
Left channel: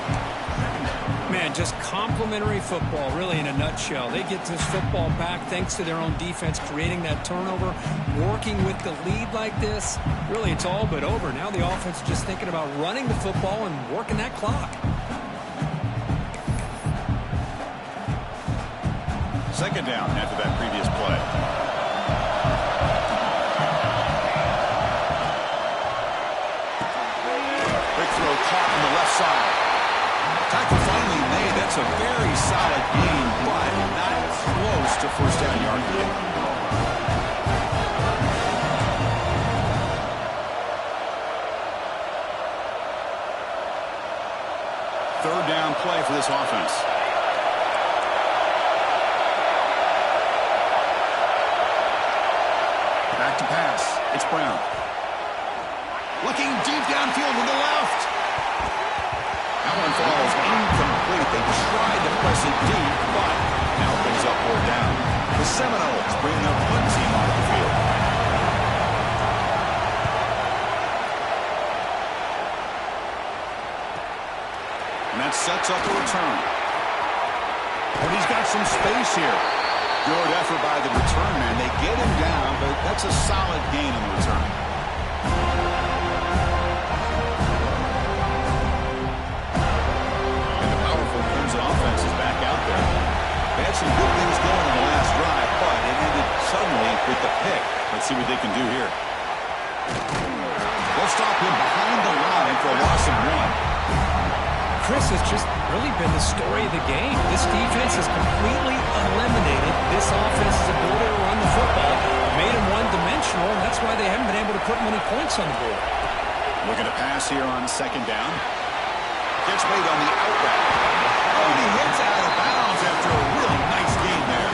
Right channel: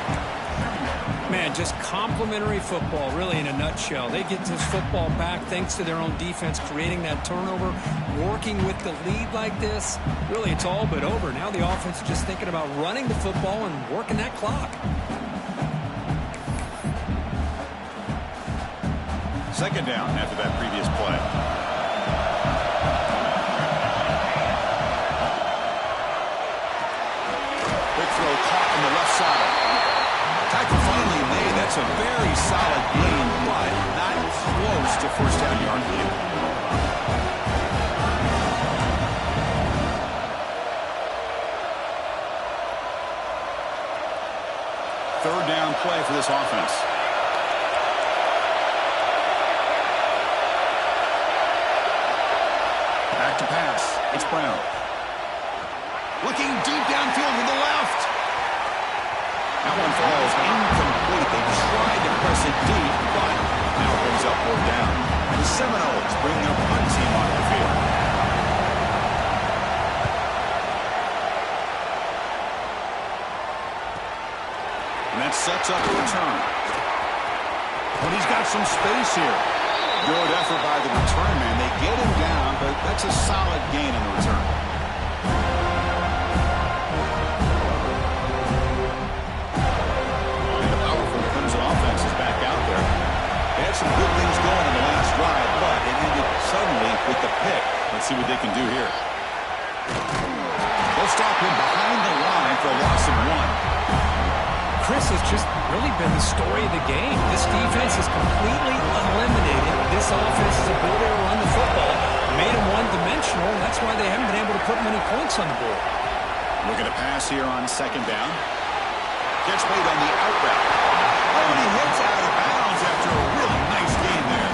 Man, just complimentary football, really, in a nutshell. They get this football back thanks to their own defense, creating that turnover, working with the lead like this. Really, it's all but over. Now the offense is just thinking about running the football and working that clock. Second down after that previous play. Quick throw caught on the left side. Tackle finally made. That's a very solid gain, but not close to first down yard gain. Third down play for this offense. Back to pass. It's Brown. Looking deep downfield to the left. That one falls incomplete. They tried to press it deep, but Now brings up 4th down. The Seminoles bring their punt team onto the field. And that sets up a return. But he's got some space here. Good effort by the return man. They get him down, but that's a solid gain on the return. And the powerful Crimson offense is back out there. They had some good things going on the last drive, but it ended suddenly with the pick. Let's see what they can do here. They'll stop him behind the line for a loss of 1. Chris, has just really been the story of the game. This defense has completely eliminated this offense's ability to run the football, made them one-dimensional, and that's why they haven't been able to put many points on the board. Looking to pass here on 2nd down. Gets made on the out route. Oh, and he hits out of bounds after a really nice gain there.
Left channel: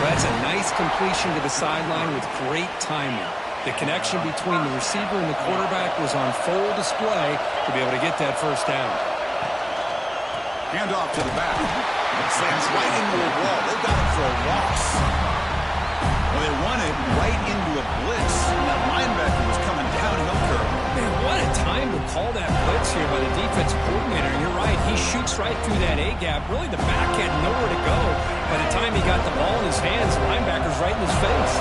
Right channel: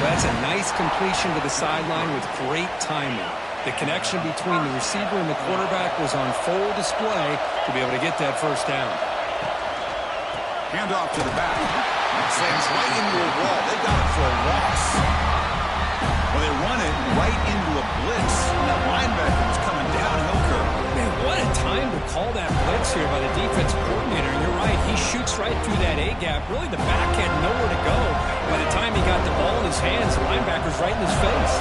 Well, that's a nice completion to the sideline with great timing. The connection between the receiver and the quarterback was on full display to be able to get that 1st down. Handoff to the back. Slams right into a wall. They've got it for a loss. Well, they run it right into a blitz. And that linebacker was coming downhill curve. Man, what a time to call that blitz here by the defensive coordinator. And you're right, he shoots right through that A-gap. Really, the back had nowhere to go. By the time he got the ball in his hands, the linebacker's right in his face.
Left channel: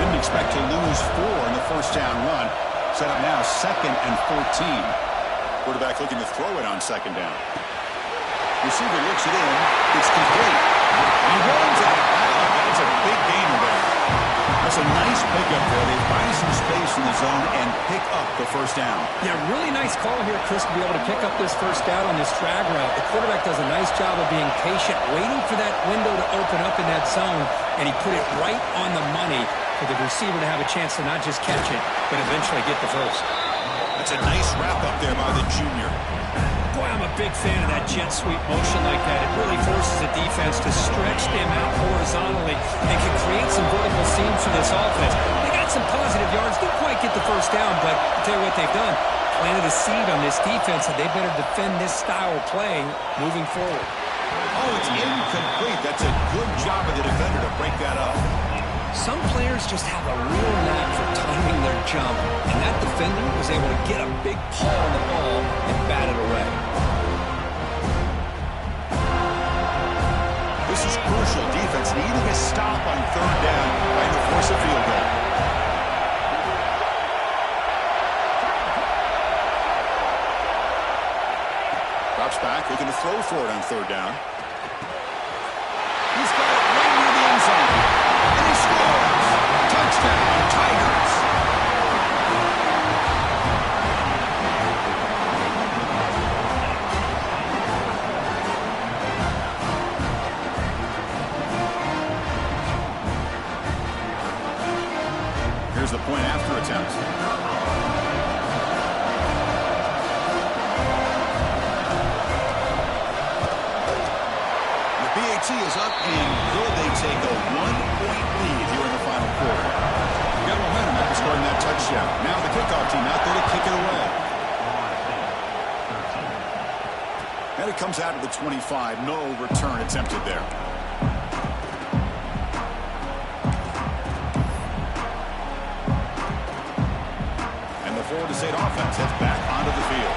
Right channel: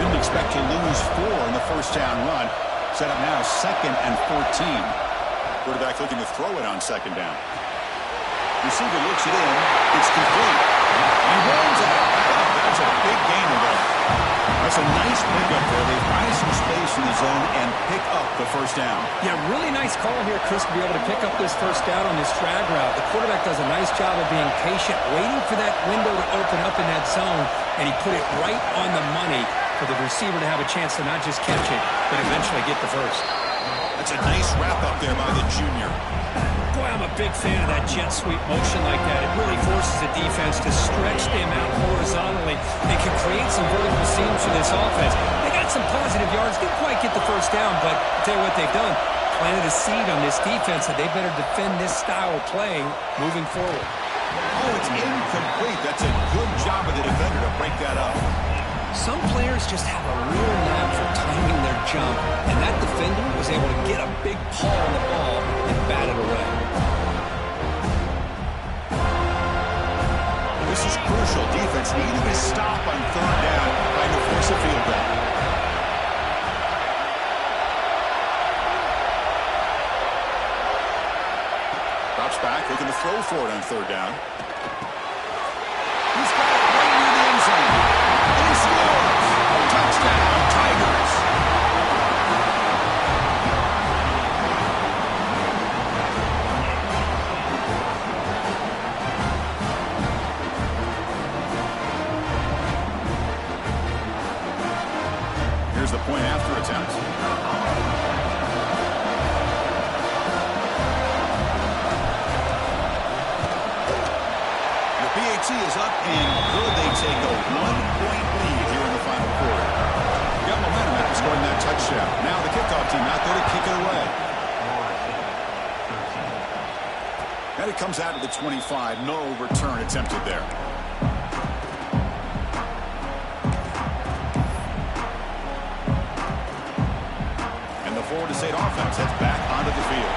Didn't expect to lose 4 in the 1st down run. Set up now 2nd and 14. Quarterback looking to throw it on 2nd down. Receiver looks it in. It's complete. He runs out of bounds. That's a big gainer there. That's a nice pickup there. They find some space in the zone and pick up the 1st down. Yeah, really nice call here, Chris, to be able to pick up this 1st down on this drag route. The quarterback does a nice job of being patient, waiting for that window to open up in that zone, and he put it right on the money for the receiver to have a chance to not just catch it, but eventually get the 1st. That's a nice wrap up there by the junior. Boy, I'm a big fan of that jet sweep motion like that. It really forces the defense to stretch them out horizontally and can create some vertical seams for this offense. They got some positive yards. Didn't quite get the 1st down, but I'll tell you what they've done. Planted a seed on this defense, and they better defend this style of play moving forward. Oh, it's incomplete. That's a good job of the defender to break that up. Some players just have a real knack for timing their jump, and that defender was able to get a big paw on the ball and bat it away. This is crucial. Defense needing a stop on 3rd down, trying to force a field goal. Drops back, looking to throw for it on 3rd down. He's got it right near the end zone. And he scores! Touchdown, Tigers! Here's the point after attempt. PAT is up and good. They take a 1-point lead here in the final quarter. Got momentum after scoring that touchdown. Now the kickoff team out there to kick it away. And it comes out of the 25. No return attempted there. And the Florida State offense heads back onto the field.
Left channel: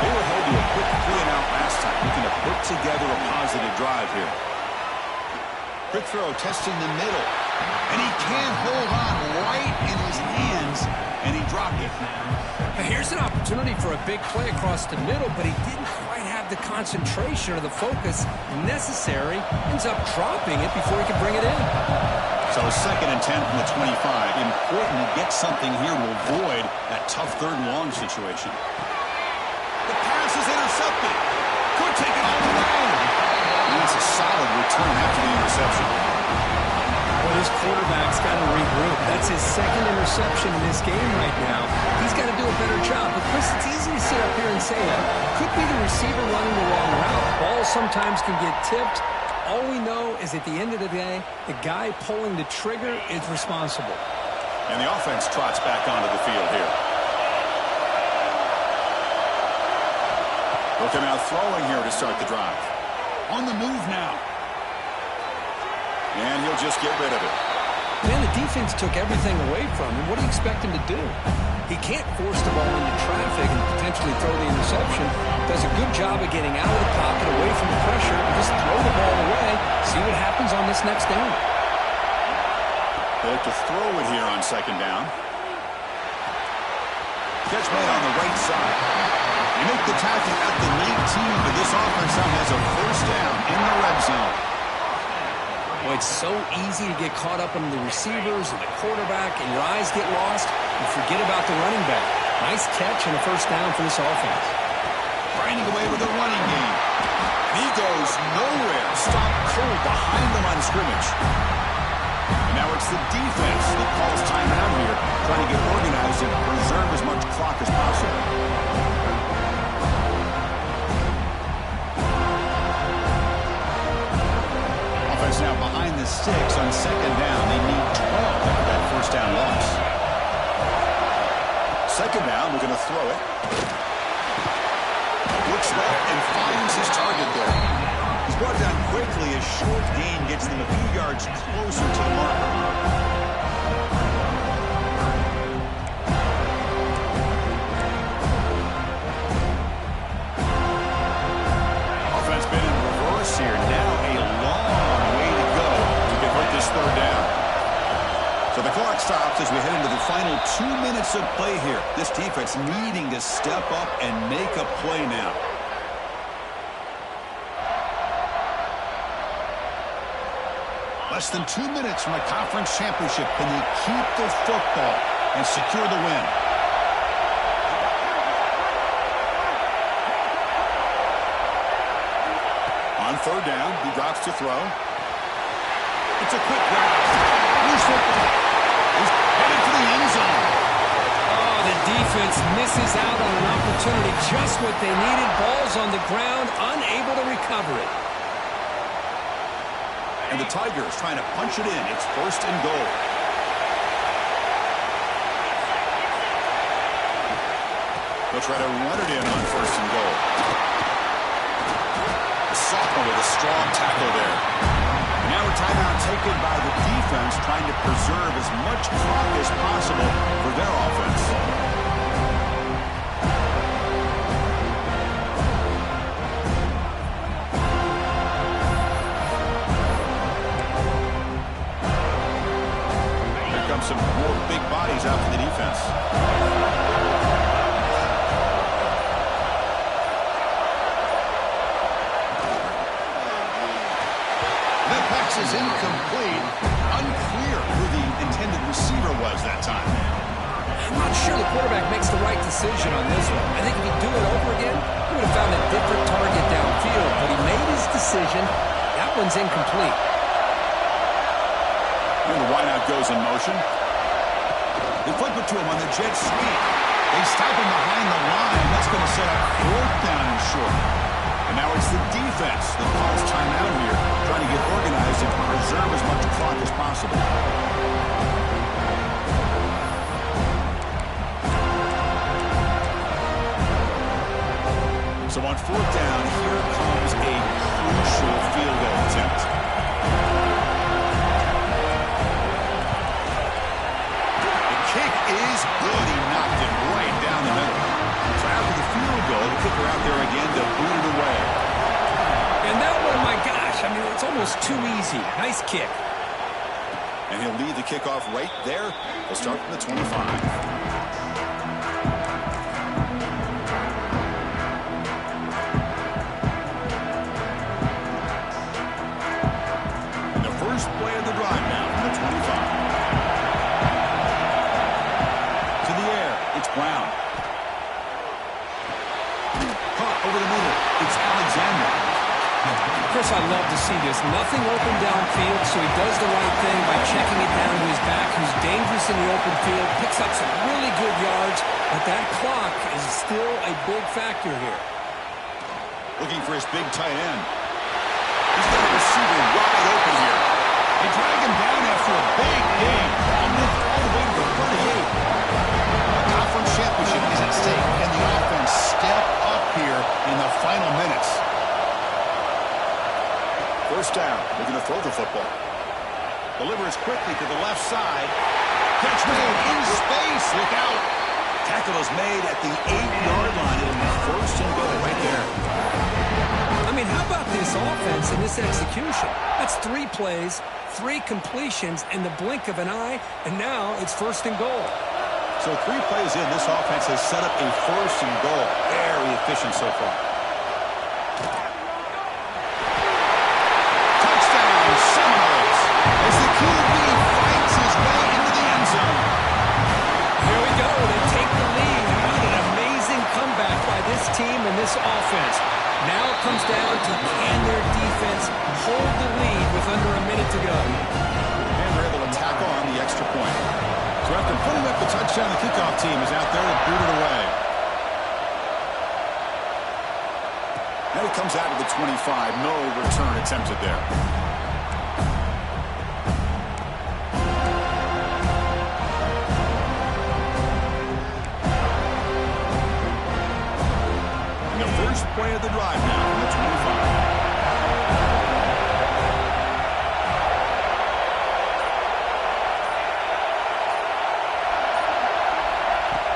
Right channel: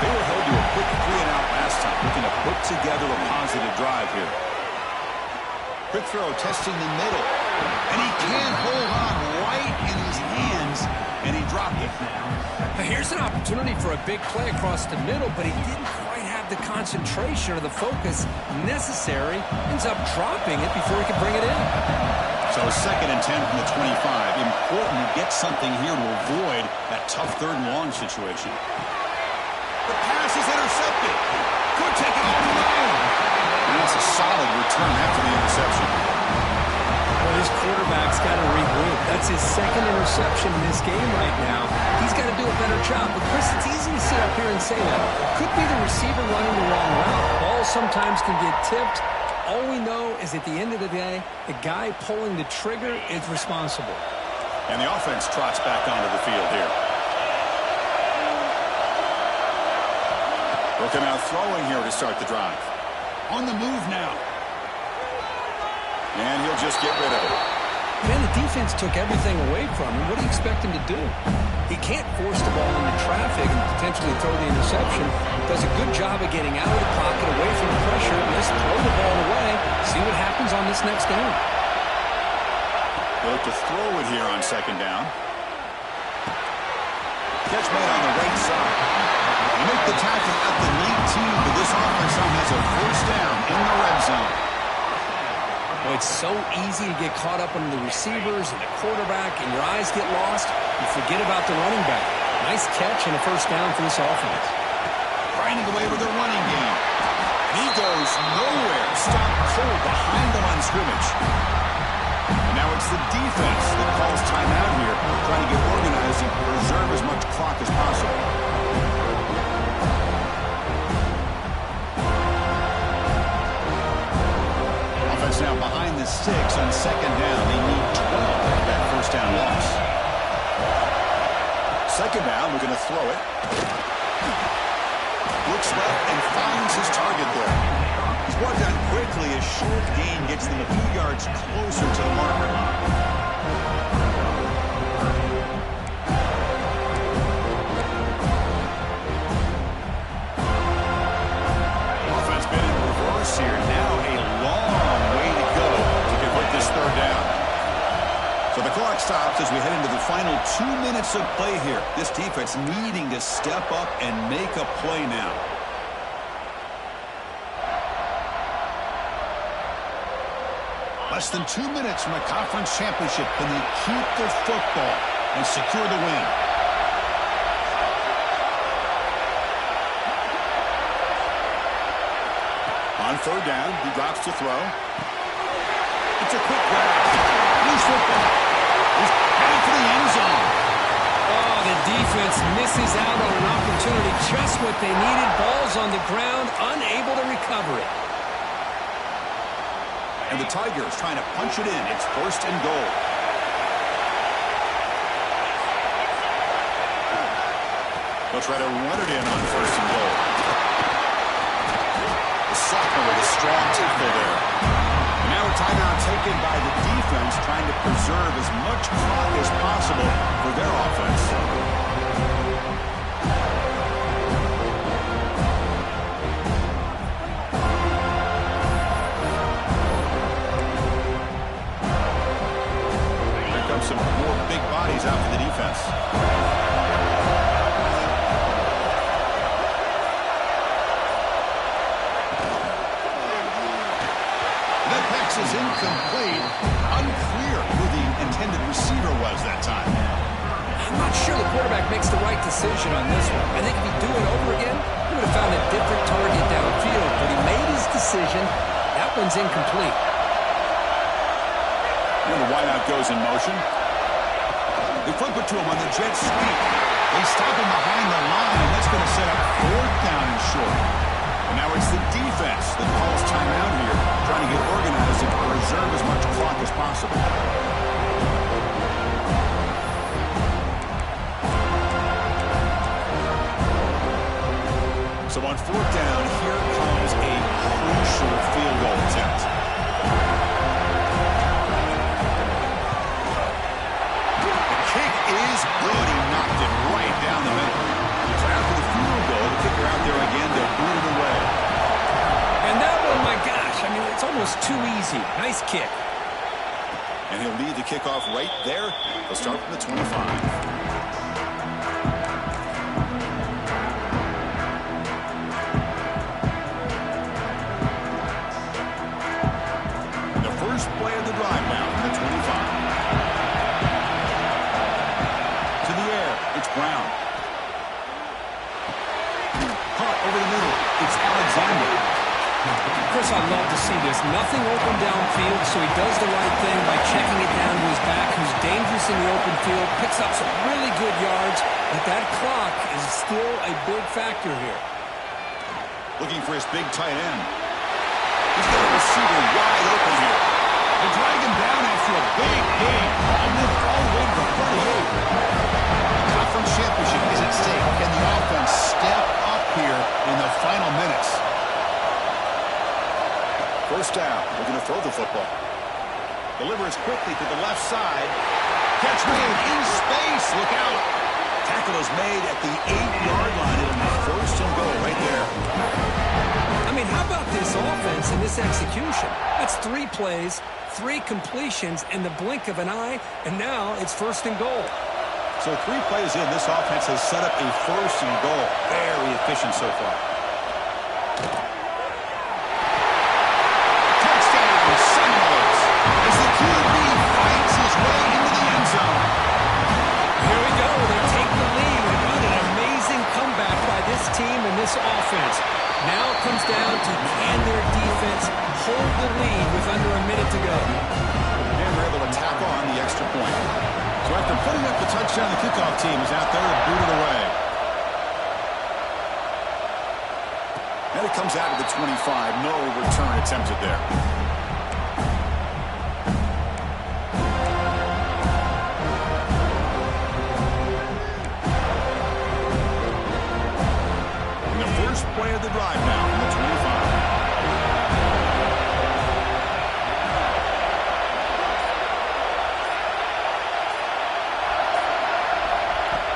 They were held to a quick 3-and-out last time, looking to put together a positive drive here. Quick throw, testing the middle. And he can't hold on right in his hands, and he dropped it. Here's an opportunity for a big play across the middle, but he didn't quite have the concentration or the focus necessary. Ends up dropping it before he could bring it in. So 2nd and 10 from the 25. Important to get something here to avoid that tough 3rd and long situation. The pass is intercepted. Could take it all the way. And that's a solid return after the interception. Well, this quarterback's got to regroup. That's his 2nd interception in this game right now. He's got to do a better job. But, Chris, it's easy to sit up here and say that. Could be the receiver running the wrong route. Balls sometimes can get tipped. All we know is at the end of the day, the guy pulling the trigger is responsible. And the offense trots back onto the field here. They'll come out throwing here to start the drive. On the move now. And he'll just get rid of it. Man, the defense took everything away from him. What do you expect him to do? He can't force the ball into traffic and potentially throw the interception. Does a good job of getting out of the pocket, away from the pressure, and just throw the ball away. See what happens on this next down. They'll look to throw it here on second down. Catch made on the right side. They make the tackle at the 19, but this offense now has a first down in the red zone. Boy, it's so easy to get caught up on the receivers and the quarterback, and your eyes get lost. You forget about the running back. Nice catch and a first down for this offense. Grinding away with a running game. And he goes nowhere. Stopped cold behind the line of scrimmage. And now it's the defense that calls timeout here, trying to get organized and preserve as much clock as possible. Offense now behind the sticks on second down. They need 12 after that first down loss. Second down, we're going to throw it. Looks left and finds his target there. He's brought down quickly. A short gain gets them a few yards closer to the marker. Offense been in reverse here. Now a long way to go to convert this third down. So the clock stops as we head into the final 2 minutes of play here. This defense needing to step up and make a play now. Less than 2 minutes from a conference championship. Can they keep the football and secure the win? On third down, he drops to throw. It's a quick grab. Loose football. He's headed for the end zone. Oh, the defense misses out on an opportunity. Just what they needed. Ball's on the ground, unable to recover it. And the Tigers trying to punch it in. It's first and goal. They'll try to run it in on first and goal. The sophomore with a strong tackle there. And now a timeout taken by the defense, trying to preserve as much clock as possible for their offense. Some more big bodies out for the defense. That pass is incomplete. Unclear who the intended receiver was that time. I'm not sure the quarterback makes the right decision on this one. I think if he'd do it over again, he would have found a different target downfield. But he made his decision. That one's incomplete. And the wideout goes in motion. They flip it to him on the jet sweep. They stop him behind the line. That's going to set up fourth down and short. And now it's the defense that calls timeout here, trying to get organized and preserve as much clock as possible. So on fourth down, here comes a crucial field goal attempt. Kick is good. He knocked it right down the middle. So after the field goal, the kicker out there again to boot it away. And that one, my gosh, I mean, it's almost too easy. Nice kick. And he'll lead the kickoff right there. He'll start from the 25. And the first play of the drive now from the 25. It's Brown. Caught over the middle. It's Alexander. Chris, I'd love to see this. Nothing open downfield, so he does the right thing by checking it down to his back, who's dangerous in the open field, picks up some really good yards, but that clock is still a big factor here. Looking for his big tight end. He's got a receiver wide open here. They drag him down after a big gain. Ball moved all the way to the 38. Conference championship is at stake. Can the offense step up here in the final minutes? First down. They're going to throw the football. Delivers quickly to the left side. Catch made in space. Look out. Tackle is made at the 8-yard line. It'll be first and goal right there. I mean, how about this offense and this execution? That's 3 plays, 3 completions in the blink of an eye, and now it's first and goal. So 3 plays in, this offense has set up a first and goal. Very efficient so far. Touchdown, Seminoles, as the QB fights his way into the end zone. Here we go. They take the lead. What an amazing comeback by this team and this offense. Now it comes down to can their defense hold the lead with under a minute to go. And they're able to tack on the extra point. So after putting up the touchdown, the kickoff team is out there to boot it away. And it comes out of the 25. No return attempted there. And the first play of the drive now from the 25.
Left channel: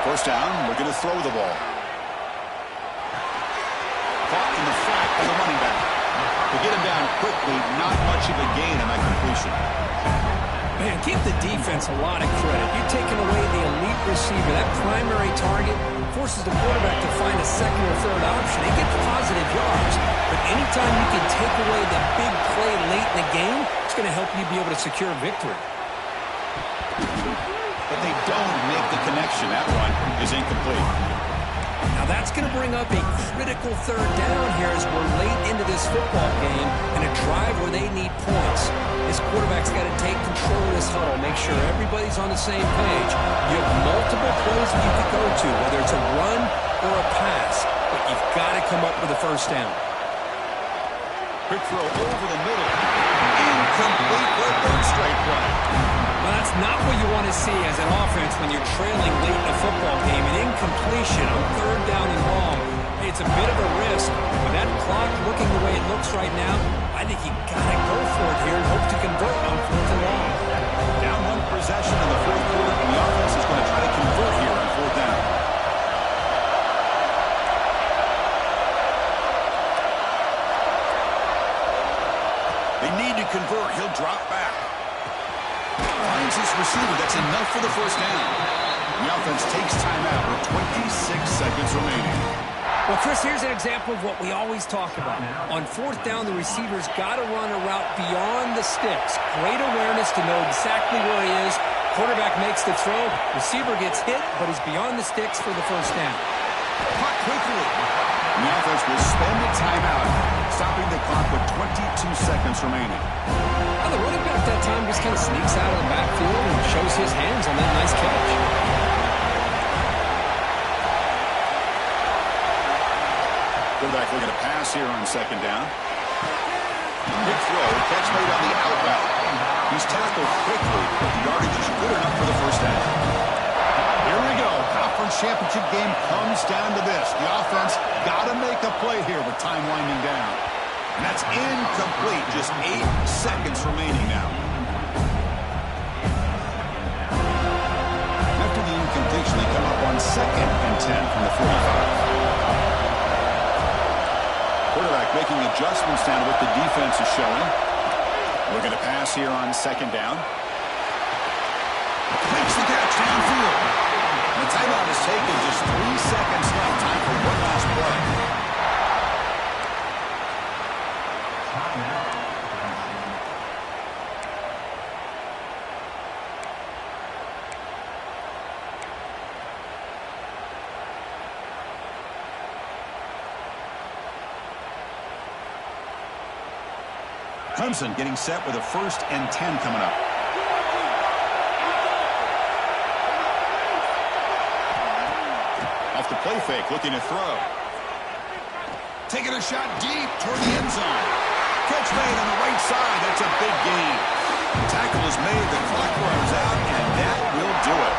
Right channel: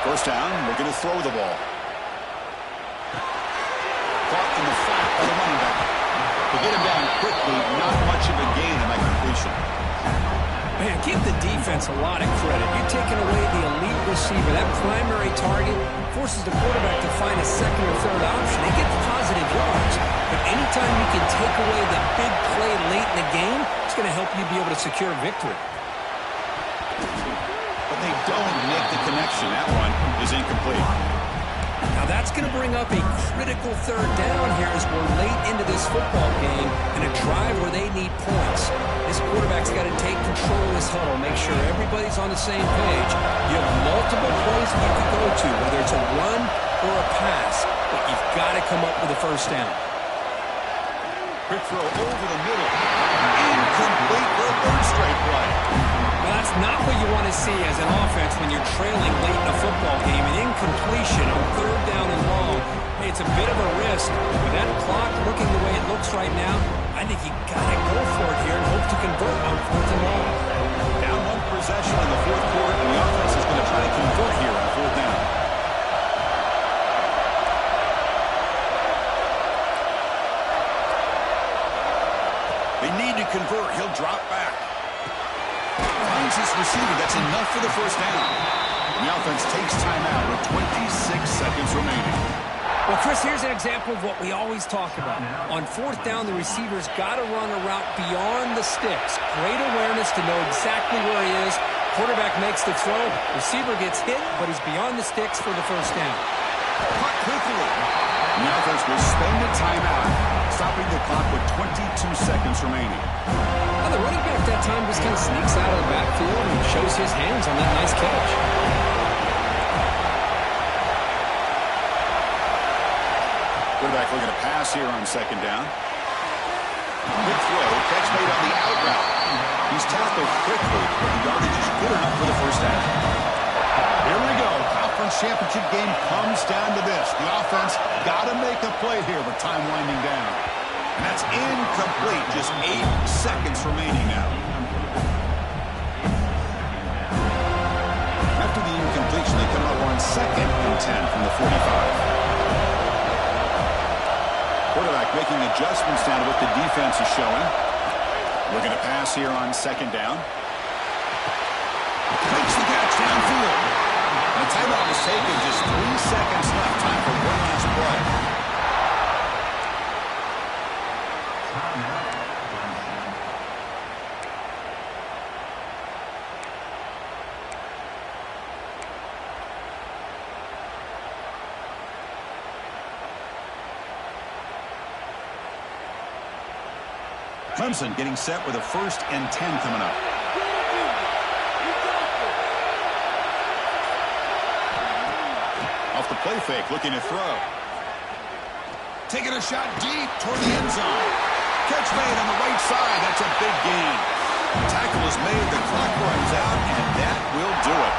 First down, we're going to throw the ball. Caught in the flat by the running back. To get him down quickly, not much of a gain on that completion. Man, give the defense a lot of credit. You're taking away the elite receiver. That primary target forces the quarterback to find a second or third option. He gets positive yards. But anytime you can take away the big play late in the game, it's going to help you be able to secure victory. But they don't make the connection. That one is incomplete. Now that's going to bring up a critical third down here as we're late into this football game in a drive where they need points. This quarterback's got to take control of this huddle, make sure everybody's on the same page. You have multiple plays that you could go to, whether it's a run or a pass, but you've got to come up with a first down. Quick throw over the middle. Incomplete for a third straight play. Well, that's not what you want to see as an offense when you're trailing late in a football game. An incompletion on third down and long. Hey, it's a bit of a risk. With that clock looking the way it looks right now, I think you got to go for it here and hope to convert on fourth and long. Down 1 possession in the fourth quarter, and the offense is going to try to convert here on fourth down. They need to convert. He'll drop back. Finds his receiver. That's enough for the first down. The offense takes timeout with 26 seconds remaining. Well, Chris, here's an example of what we always talk about. On fourth down, the receiver's got to run a route beyond the sticks. Great awareness to know exactly where he is. Quarterback makes the throw. Receiver gets hit, but he's beyond the sticks for the first down. Caught quickly. The offense will spend a timeout, stopping the clock with 22 seconds remaining. Well, the running back that time just kind of sneaks out of the backfield and shows his hands on that nice catch. Quarterback looking to pass here on second down. Quick throw, catch made on the out route. He's tackled quickly, but the yardage is good enough for the first down. Here we go. Conference championship game comes down to this. The offense got to make a play here with time winding down. And that's incomplete. Just 8 seconds remaining now. After the incompletion, they come up on 2nd and 10 from the 45. Quarterback making adjustments down to what the defense is showing. Looking to pass here on second down. Makes the catch downfield. The timeout is taken. Just 3 seconds left. Time for one last play. Clemson getting set with a 1st and 10 coming up. Off the play fake, looking to throw. Taking a shot deep toward the end zone. Catch made on the right side. That's a big gain. The tackle is made. The clock runs out, and that will do it.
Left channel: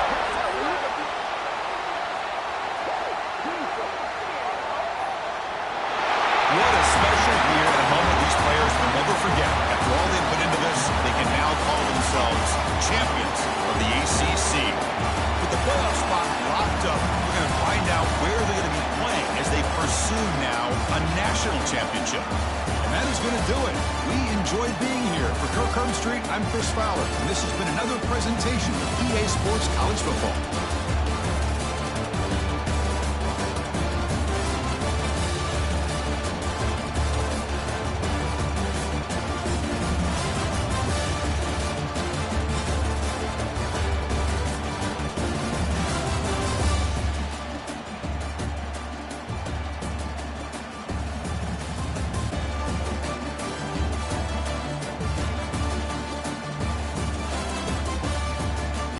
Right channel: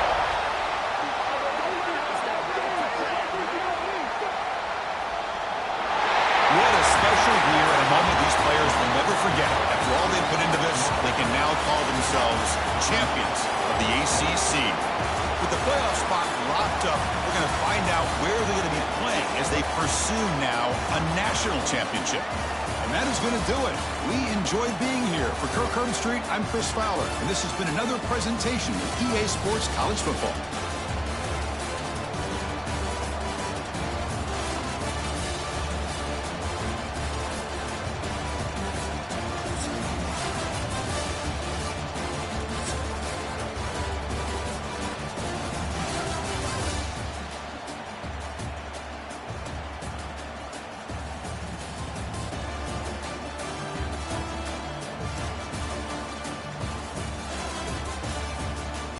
What a special year and a moment these players will never forget. After all they put into this, they can now call themselves champions of the ACC. With the playoff spot locked up, we're going to find out where they're going to be playing as they pursue now a national championship. And that is going to do it. We enjoyed being here. For Kirk Street, I'm Chris Fowler, and this has been another presentation of EA Sports College Football.